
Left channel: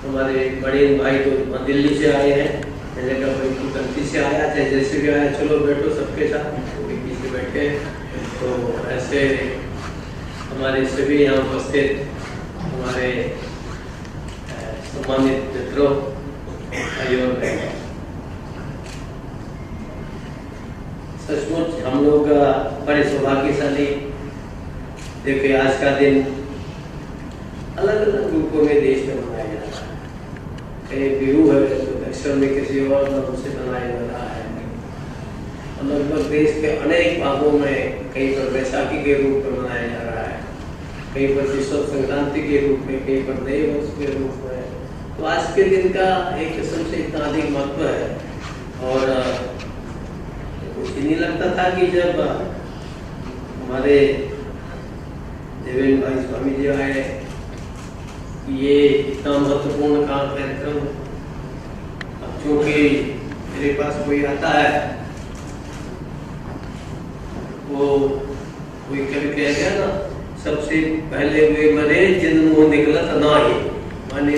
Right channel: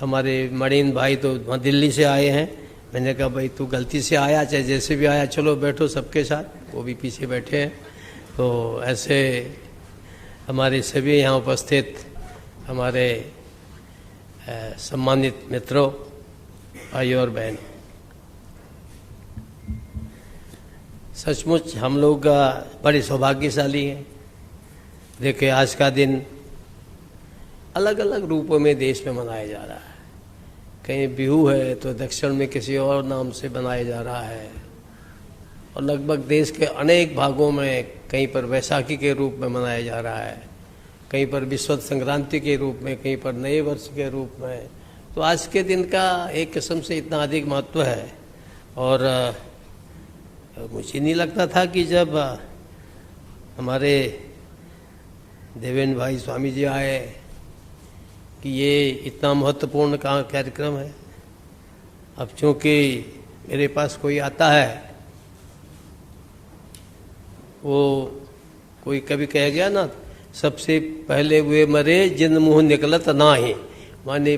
हमारे मणिन भाई तो वहाँ दिल्ली से आए हैं, मैंने कहा भाई तू गलती से आया, चाहे जैसे भी आया, चलो बैठो सबके साथ, वो भी पीछे बैठे हैं। तो ऐसे हमारे सभी यहाँ उपस्थित हमारे सम्मानित मित्रों, भाई और बहन, सचमुच हम लोग बड़े सौभाग्यशाली। देखिए आज का दिन अलग अलग रूपों में देश में मनाया जा रहा है। कहीं बिहू है तो दक्षिण में किसी और नाम से मनाया जा रहा है, और लगभग देश के अनेक भागों में कहीं पर वैसाखी के रूप में मनाया जा रहा है, कहीं पर विश्व संक्रांति के रूप में, कहीं पर नए वर्ष के रूप में। तो आज के दिन का एक किस्म से इतना अधिक महत्व है। और मुझे नहीं लगता था कि जब हमारे देवेंद्र भाई स्वामी जी आए कि ये इतना महत्वपूर्ण कार्यक्रम है। अब चूँकि मेरे पास कोई आता है, वो कोई कभी कह गया ना, सबसे पहले वे मरे जिन मुँह निकलत ना ही, माने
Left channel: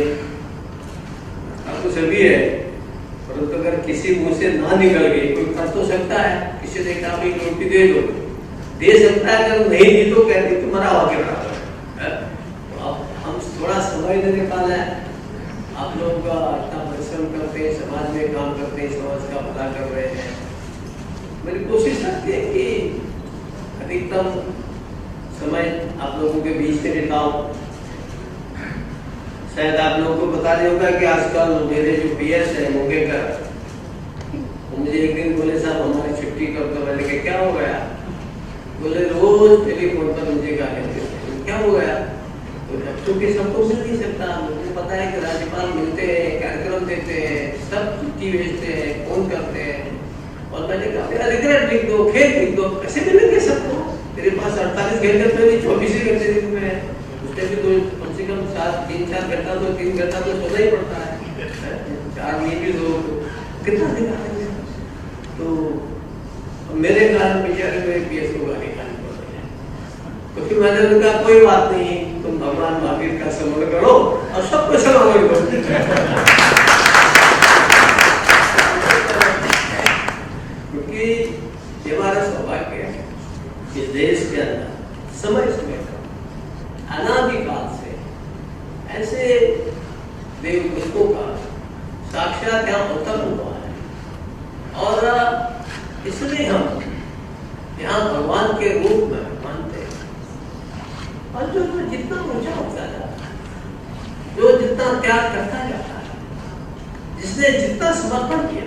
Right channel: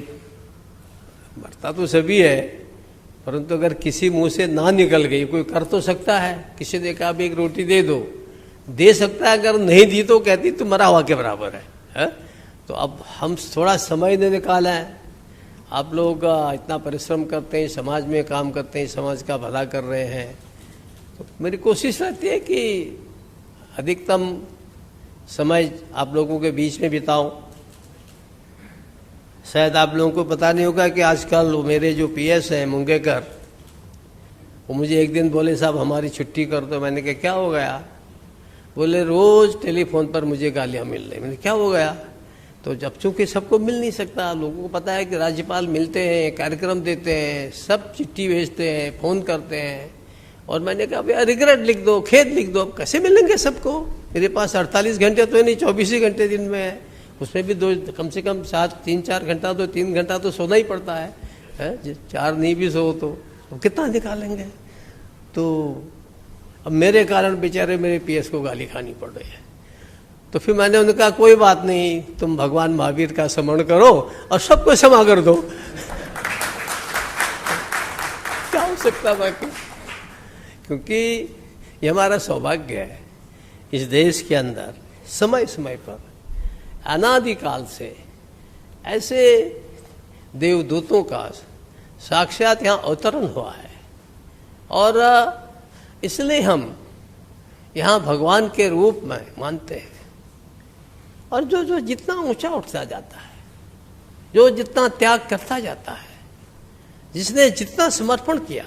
तो सभी है, परंतु अगर किसी मुंह से ना निकल गई, कोई कर तो सकता है, किसी ने कहा एक रोटी दे सकता है, अगर नहीं दी तो कहती तो मरा हुआ के बराबर है। तो अब हम थोड़ा समय ने निकाला है, आप लोग इतना परिश्रम करते हैं, समाज में काम करते हैं, समाज का भला कर रहे हैं, तो मेरी कोशिश रहती है कि अधिकतम समय आप लोगों के बीच में बिताऊं। शायद आप लोगों को पता नहीं होगा कि आजकल मेरे जो पीएस है मुंगेकर, वो मुझे एक दिन बोले साहब हमारी छुट्टी कर दो। मैंने कहा क्या हो गया? बोले रोज़ टेलीफोन पर मुझे गालियाँ मिल रही। क्या हो गया? तो जब चूँकि सबको मिल नहीं सकता, तो उनको पता है कि राज्यपाल मिलते हैं, कार्यक्रम देते हैं, सब चिट्ठी भेजते हैं, फ़ोन करते हैं, और मैंने कहा भैया रिग्रेट लिख दो, खेद लिख दो, कैसे मिलेंगे सबको? मेरे पास 48 घंटे तो नहीं, 24 घंटे दिन में है, उसमें भी कम से कम 3-4 घंटा तो 3 घंटा तो सोना ही पड़ता है, 4 नहीं भी सो तो कितना निकालेंगे? तो अब मेरे कारण बेचारे मेरे पीएस को गाली खानी पड़ रही है। तो फिर मैंने उन्हें कहा कोई बात नहीं, तुम भगवान महावीर का स्मरण करो और सबको क्षमा कर दो। क्योंकि ये हमारा सौभाग्य है, इस देश के अंदर समय समय पर अनादिकाल से ऐसे देवदूतों का साक्षात यहाँ अवतरण हुआ है, और इसलिए हम यहाँ भगवान के रूप में मानते हैं। और जो जितना ऊंचा उठता जाता है, जो जितना त्याग करता जाता है, जिसने जितना समर्पण किया,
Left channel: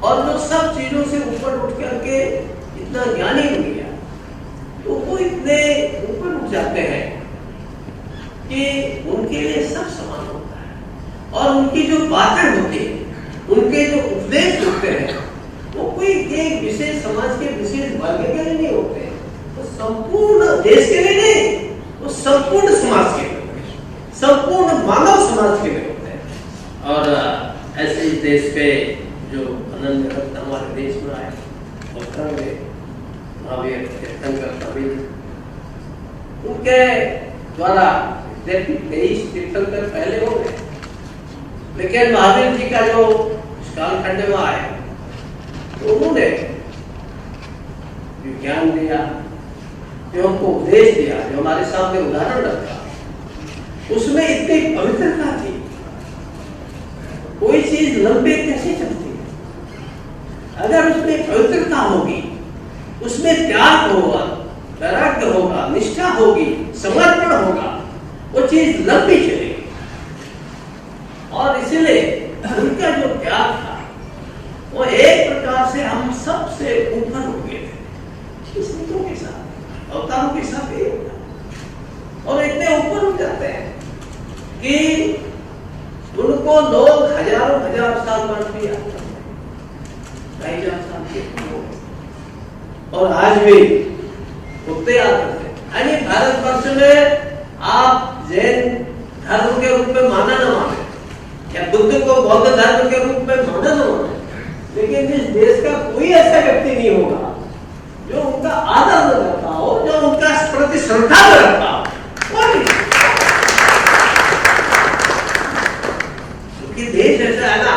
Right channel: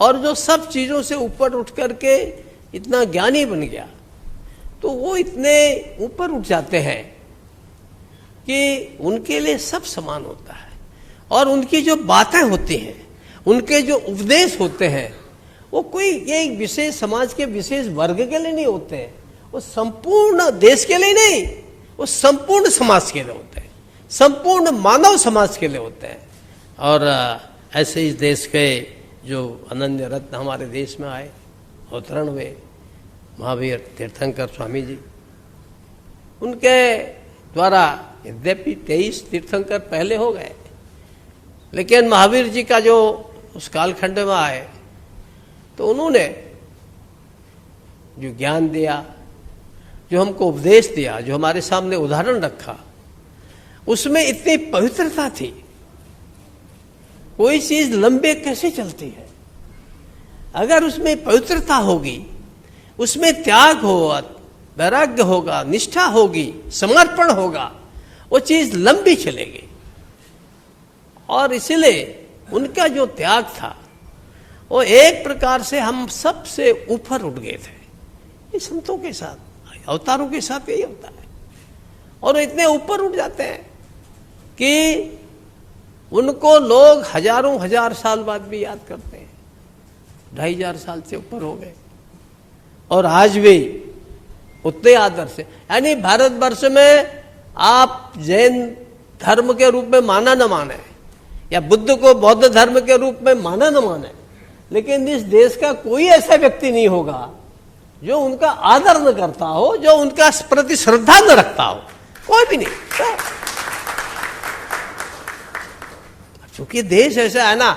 और जो सब चीज़ों से ऊपर उठ करके इतना ज्ञानी बन गया, तो वो इतने ऊपर उठ जाते हैं कि उनके लिए सब समान होता है, और उनकी जो बातें होती हैं, उनके जो उपदेश होते हैं, वो कोई एक विशेष समाज के विशेष वर्ग के लिए नहीं होते हैं, वो संपूर्ण देश के लिए नहीं, वो संपूर्ण समाज के लिए होते हैं, संपूर्ण मानव समाज के लिए होते हैं। और ऐसे इस देश पे जो अनन्य रत्न हमारे देश में आए, और धर्म में महावीर तीर्थंकर स्वामी जी, उनके द्वारा यद्यपि 23 तीर्थंकर पहले हो गए, लेकिन महावीर जी का जो उस कालखंड में आए, तो उन्होंने जो ज्ञान दिया, जो हमको उपदेश दिया, जो हमारे सामने उदाहरण रखा, उसमें इतनी पवित्रता थी। कोई चीज लंबे कैसे चलती है? अगर उसमें पवित्रता होगी, उसमें त्याग होगा, वैराग्य होगा, निष्ठा होगी, समर्पण होगा, वो चीज लंबी चलेगी। और इसलिए उनका जो त्याग था वो एक प्रकार से हम सबसे ऊपर उठ गए थे। संतों के साथ, अवतारों के साथ यही होता है। और इतने ऊपर उठ जाते हैं कि उनको लोग हजारों हजार साल बाद भी याद करते हैं। 2500 साल से ऊपर हो गए और आज भी उतने आदर से, यानी भारतवर्ष में आप जैन धर्म के रूप में माना न माने या बुद्ध को बौद्ध धर्म के रूप में माना न माने, लेकिन इस देश का कोई ऐसा व्यक्ति नहीं होगा जो उनका आदर न करता हो, जो उनका प्रति श्रद्धा न रखता हो, कोई भी नहीं। क्योंकि देश ऐसा है ना,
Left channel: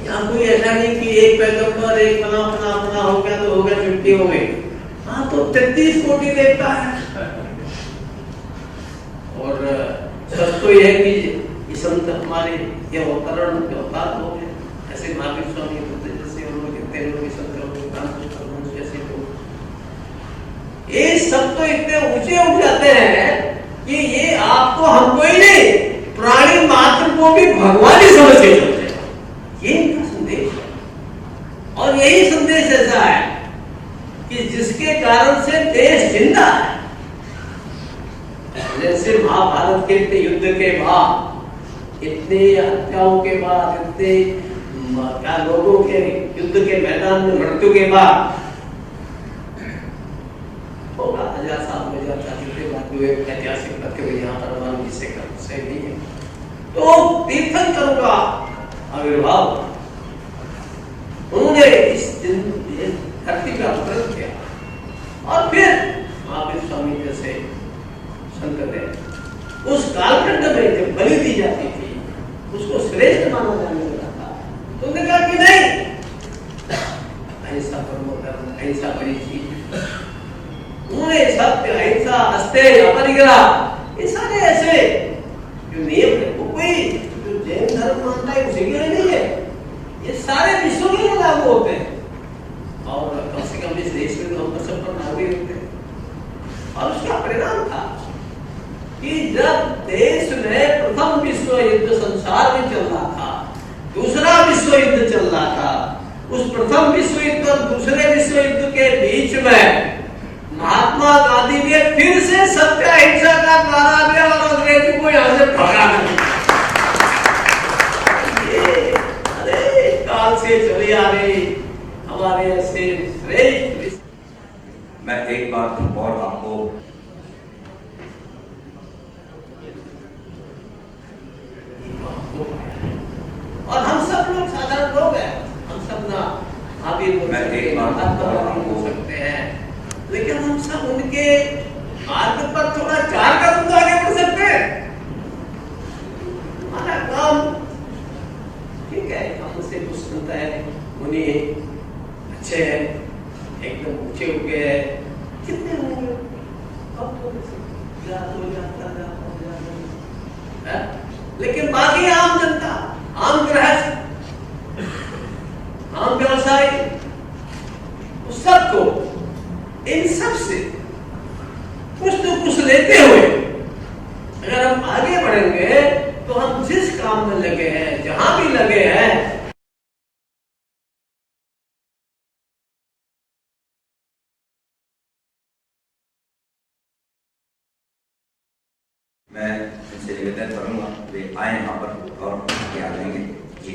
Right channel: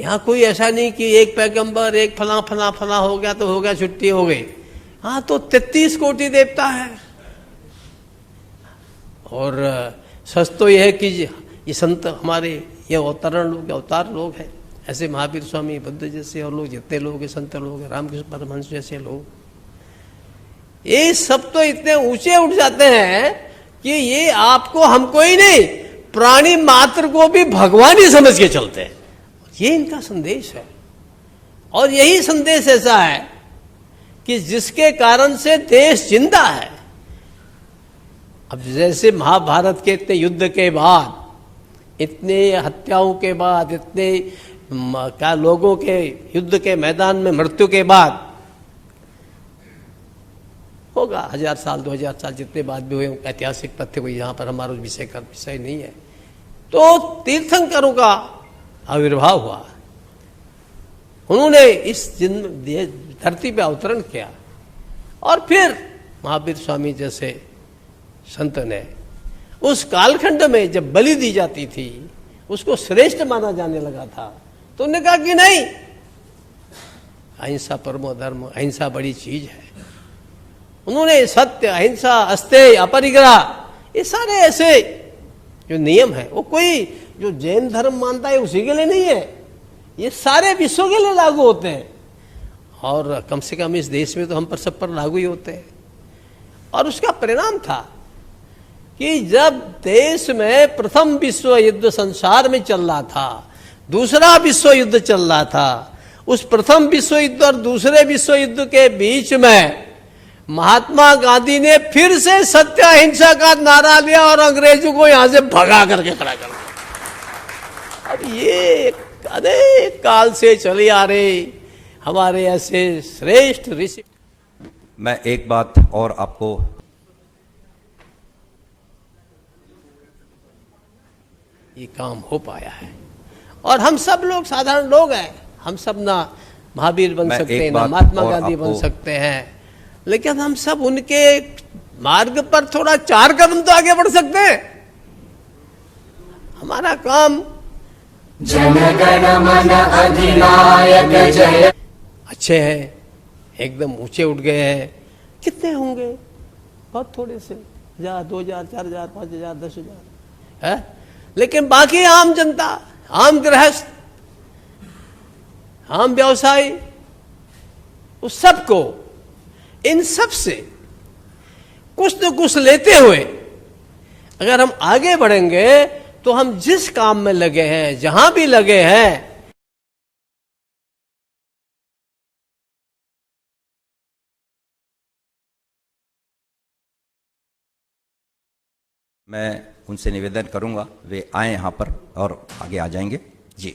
यहाँ कोई ऐसा नहीं कि एक पैगंबर, एक फला फला फला हो गया तो हो गया, छुट्टी हो गई। हाँ, तो 33 कोटि देवता है। और सच तो यह है कि ये संत हमारे ये अवतार लोग हैं, ऐसे महावीर स्वामी, बुद्ध जैसे और लोग, जितने लोग भी संत लोग, रामकृष्ण परमहंस जैसे लोग, ये सब तो इतने ऊंचे उठ जाते हैं कि ये आपको, हमको ही नहीं, प्राणी मात्र को भी भगवान ही समझ के चलते हैं। ये इनका संदेश है। और यही संदेश ऐसा है कि जिसके कारण से देश जिंदा है। अब जैसे महाभारत के इतने युद्ध के बाद, इतने हत्याओं के बाद, इतने क्या लोगों के युद्ध के मैदान में मृत्यु के बाद, होगा 1000 साल 2000 साल जितने बाद भी हुए, ऐतिहासिक तथ्य भी यहाँ पर हमारे विषय का विषय नहीं है, तो तीर्थंकरों का आविर्भाव हुआ। उन्होंने इस धरती पे अवतरण किया और फिर महावीर स्वामी जैसे संत ने उस कालखंड में जब बलि दी जाती थी उसको श्रेष्ठ माना जाने लगा था, तो उन्होंने कहा कि नहीं, अहिंसा परमो धर्म, अहिंसा बड़ी चीज है। उन्होंने सत्य, अहिंसा, अस्तेय, अपरिग्रह, ये सारे ऐसे जो नियम है, वो कोई जो जैन धर्म मानता है उसी के लिए नहीं है, ये सारे विश्व के लिए लागू होते हैं। और कम से कम इस देश में तो हम पर सब पर लागू ही होते हैं। और उसका परिणाम था कि जब देश में प्रथम विश्व युद्ध संसार में चल रहा था, दूसरा विश्व युद्ध चल रहा था, उस प्रथम विश्व युद्ध और दूसरे विश्व युद्ध के बीच में महात्मा गांधी ने फिर से सत्य अहिंसा का नारा दिया और अंग्रेजों को यहां से भगा करके, ये अनेक काल से चली आ रही हमारे ऐसे श्रेष्ठ ऋषि। मैं एक बात और आपको, ये काम हो पाया है और हम सब लोग साधारण लोग हैं, हम सब ना महावीर बन सकते हैं, ना महात्मा गांधी बन सकते हैं, लेकिन हम सब उनके मार्ग पर थोड़ा 4 कदम तो आगे बढ़ सकते हैं। हमारा काम जन गण मन अधिनायक जय, अच्छे हैं, एकदम ऊंचे उठ गए हैं, कितने होंगे और थोड़े से 1000 2000 4000 5000 10,000 है, लेकिन बाकी आम जनता, आम गृहस्थ, आम व्यवसायी, उस सबको, इन सब से कुछ न कुछ लेते हुए अगर हम आगे बढ़ेंगे तो हम जिस काम में लगे हैं, जहां भी लगे हैं, मैं उनसे निवेदन करूंगा वे आए यहाँ पर और आगे आ जाएंगे जी।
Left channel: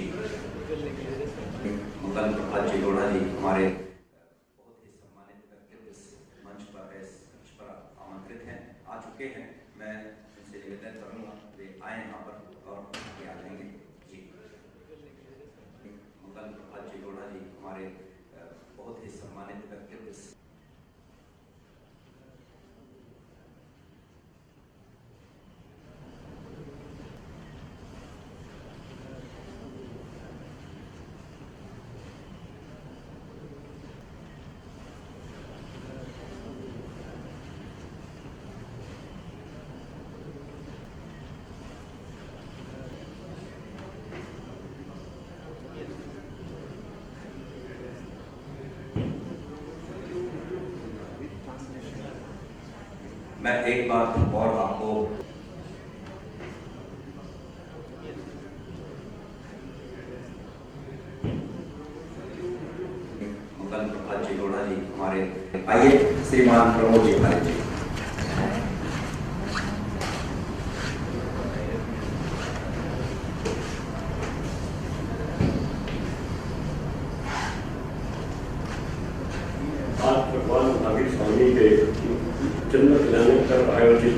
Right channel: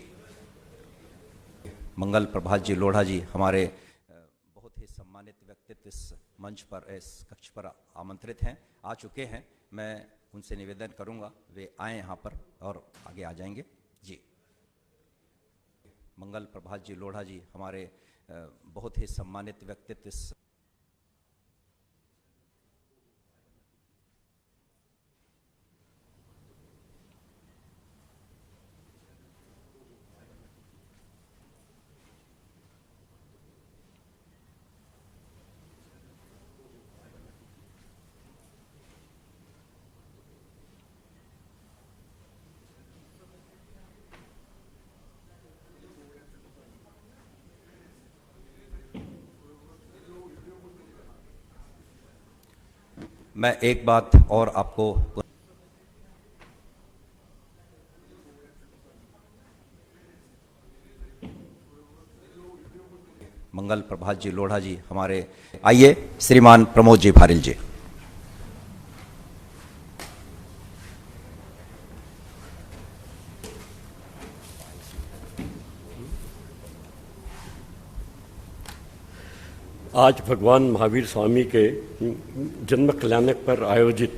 मंगल प्रभात जी लोढ़ा जी हमारे बहुत ही सम्मानित व्यक्तित्व इस मंच पर, इस कक्ष पर आमंत्रित हैं, आ चुके हैं। मैं उनसे निवेदन करूंगा वे आए यहाँ पर और आगे आ जाएंगे जी। मंगल प्रभात जी लोढ़ा जी हमारे बहुत ही सम्मानित व्यक्तित्व इस मैं एक बात और आपको मंगल प्रभात जी लोढ़ा जी हमारे, आइए श्रीमान प्रमोद जी फारिल जी। आज भगवान महावीर स्वामी के जन्म कल्याणक पर आयोजित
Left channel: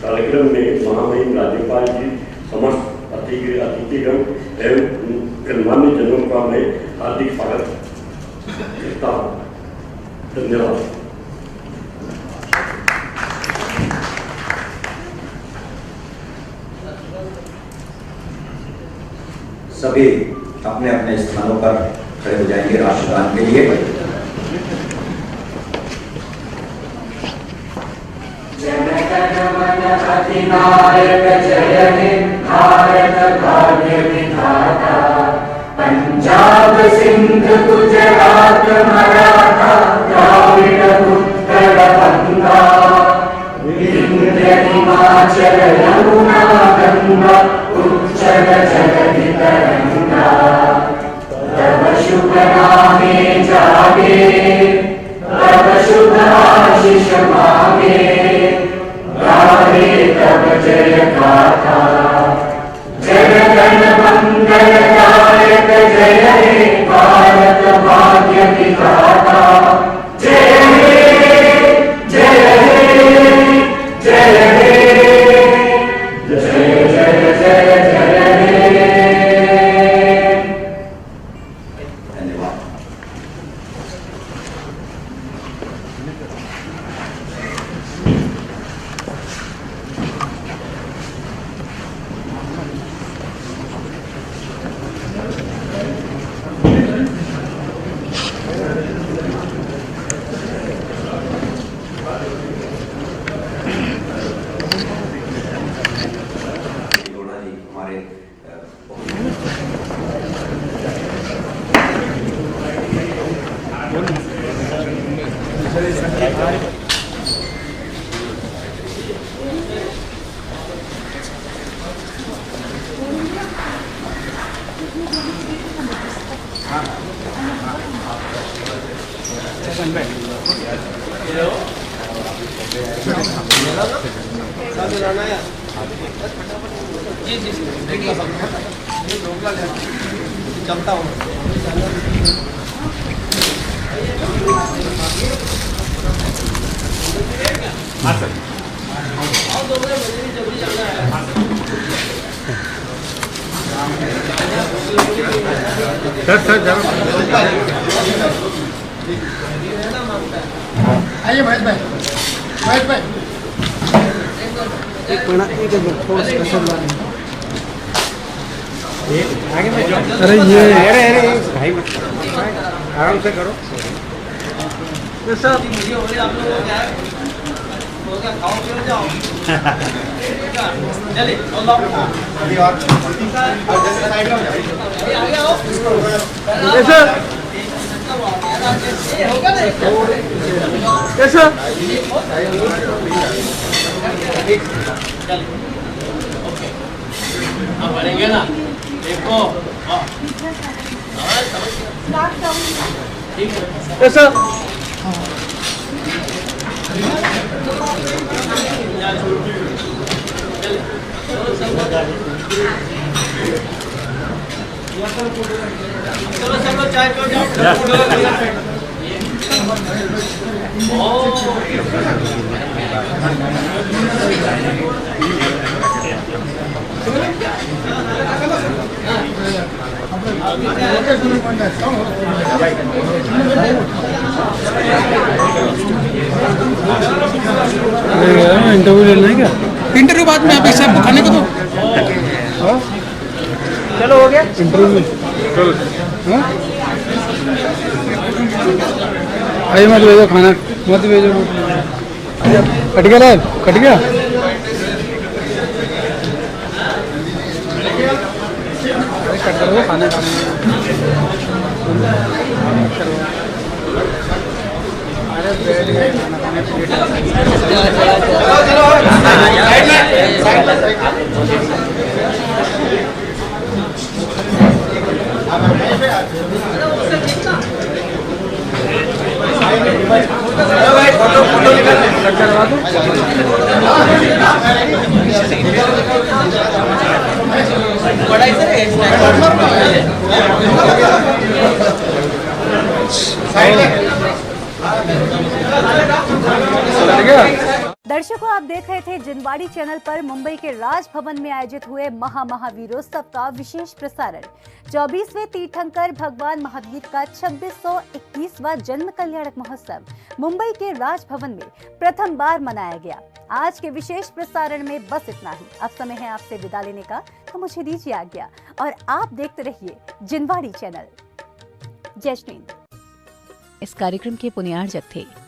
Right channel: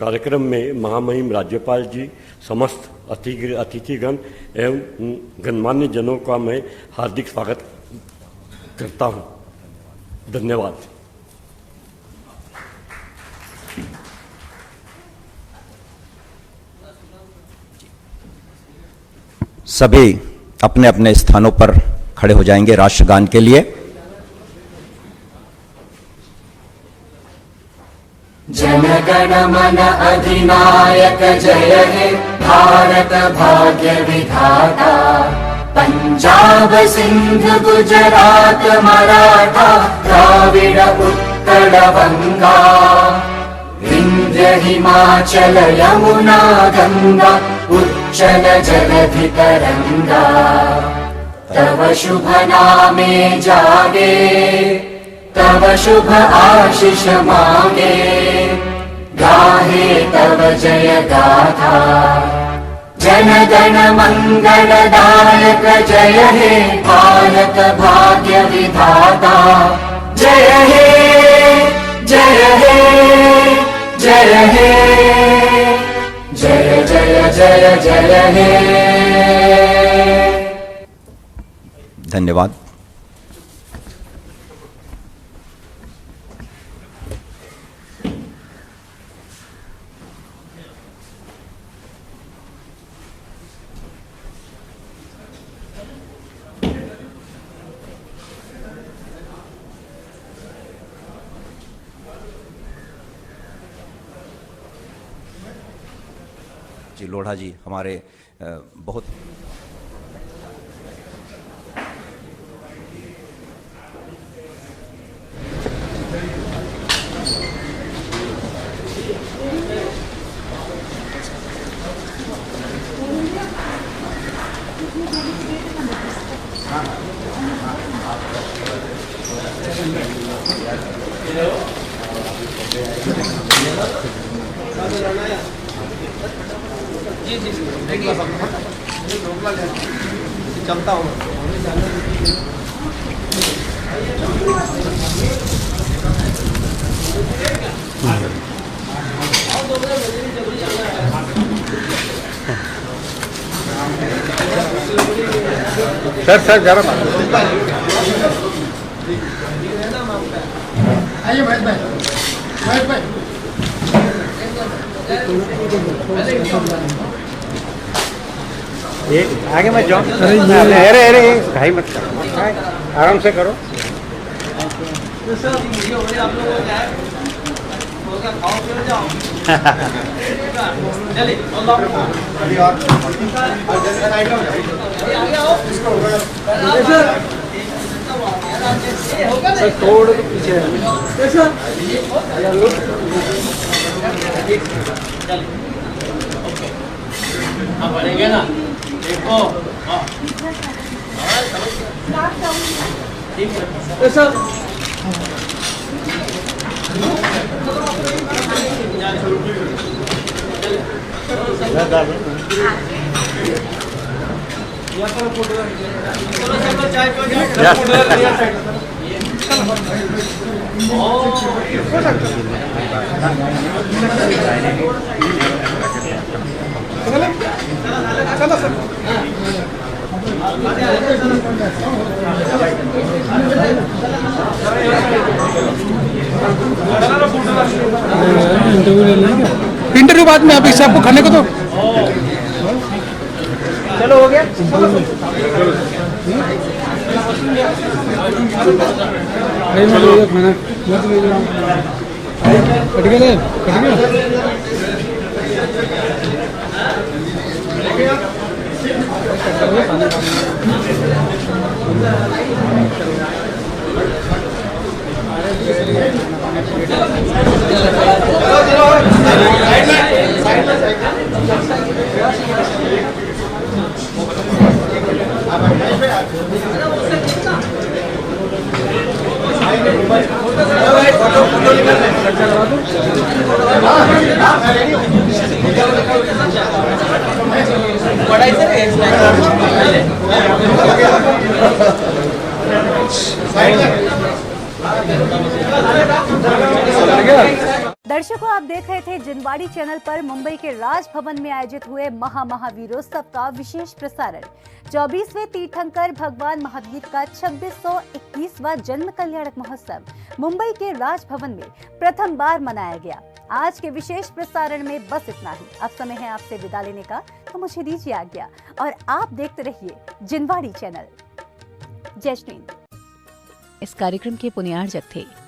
कार्यक्रम में महामहिम राज्यपाल जी, समस्त अतिथिगण एवं गणमान्य जनों का मैं हार्दिक स्वागत करता हूँ। धन्यवाद। सभी अपने अपने स्थानों पर खड़े हो जाएंगे राष्ट्रगान के लिए। जनगण मन अधिनायक जय हे भारत भाग्य विधाता, पंजाब सिंध गुजरात मराठा द्राविड उत्कल बंगा, विंध्य हिमाचल यमुना गंगा उच्चल जलधि तरंगा, तव शुभ नामे जागे तव शुभ आशीष मांगे, गाहे तव जय गाथा, जनगण मंगलदायक जय हे भारत भाग्य विधाता, जय हे जय हे जय हे जय जय जय जय हे। धन्यवाद। लोढ़ा जी हमारे बहुत चलता हूँ। सर जरा आइए महेश भाई, महेश भाई आगे मत जाओ। अरे ये अरे भाई मत करो, आराम से करो। बढ़ेंगे ना, देखो ठीक है। चलो सब चाय पियो इंटरव्यू लेना है क्या? इंटरव्यू बाद में, आप इसे आपको खाने को दो। चलो हो गया इंटरव्यू। आइए मत भेजो खाना, मत भेजो। कट गया, कट गया। खाना दर्शकों, आप देख रहे थे जिनवाड़ी चैनल पर मुंबई के राजभवन में आयोजित हुए महावीरोत्सव का विशेष प्रसारण। 24वें तीर्थंकर भगवान महावीर का 2621वां जन्म कल्याणक महोत्सव मुंबई के राजभवन में प्रथम बार मनाया गया। आज के विशेष प्रसारण में बस इतना ही। अब समय है आपसे विदा लेने का, तो मुझे दीजिए आज्ञा और आप देखते रहिए जिनवाड़ी चैनल। जय श्री। इस कार्यक्रम के पुण्यार्जक थे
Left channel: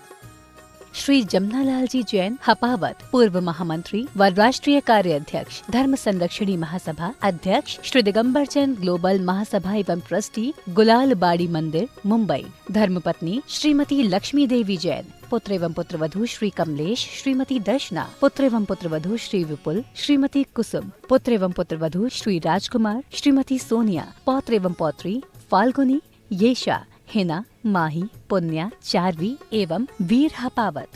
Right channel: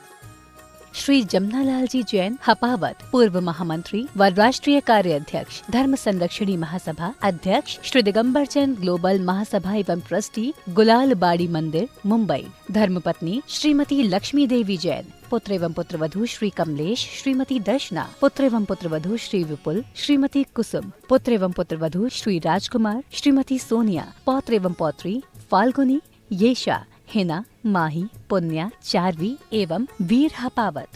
श्री जमनालाल जी जैन हपावत, पूर्व महामंत्री व राष्ट्रीय कार्याध्यक्ष, धर्म संरक्षणी महासभा अध्यक्ष, श्री दिगंबर चंद ग्लोबल महासभा एवं ट्रस्टी, गुलाल बाड़ी मंदिर, मुंबई। धर्मपत्नी श्रीमती लक्ष्मी देवी जैन, पुत्र एवं पुत्रवधू श्री कमलेश, श्रीमती दर्शना, पुत्र एवं पुत्रवधू श्री विपुल, श्रीमती कुसुम, पुत्र एवं पुत्रवधू श्री राजकुमार, श्रीमती सोनिया, पौत्र एवं पौत्री फाल्गुनी, येशा, हिना, माही, पुण्या, चारवी एवं वीर हपावत।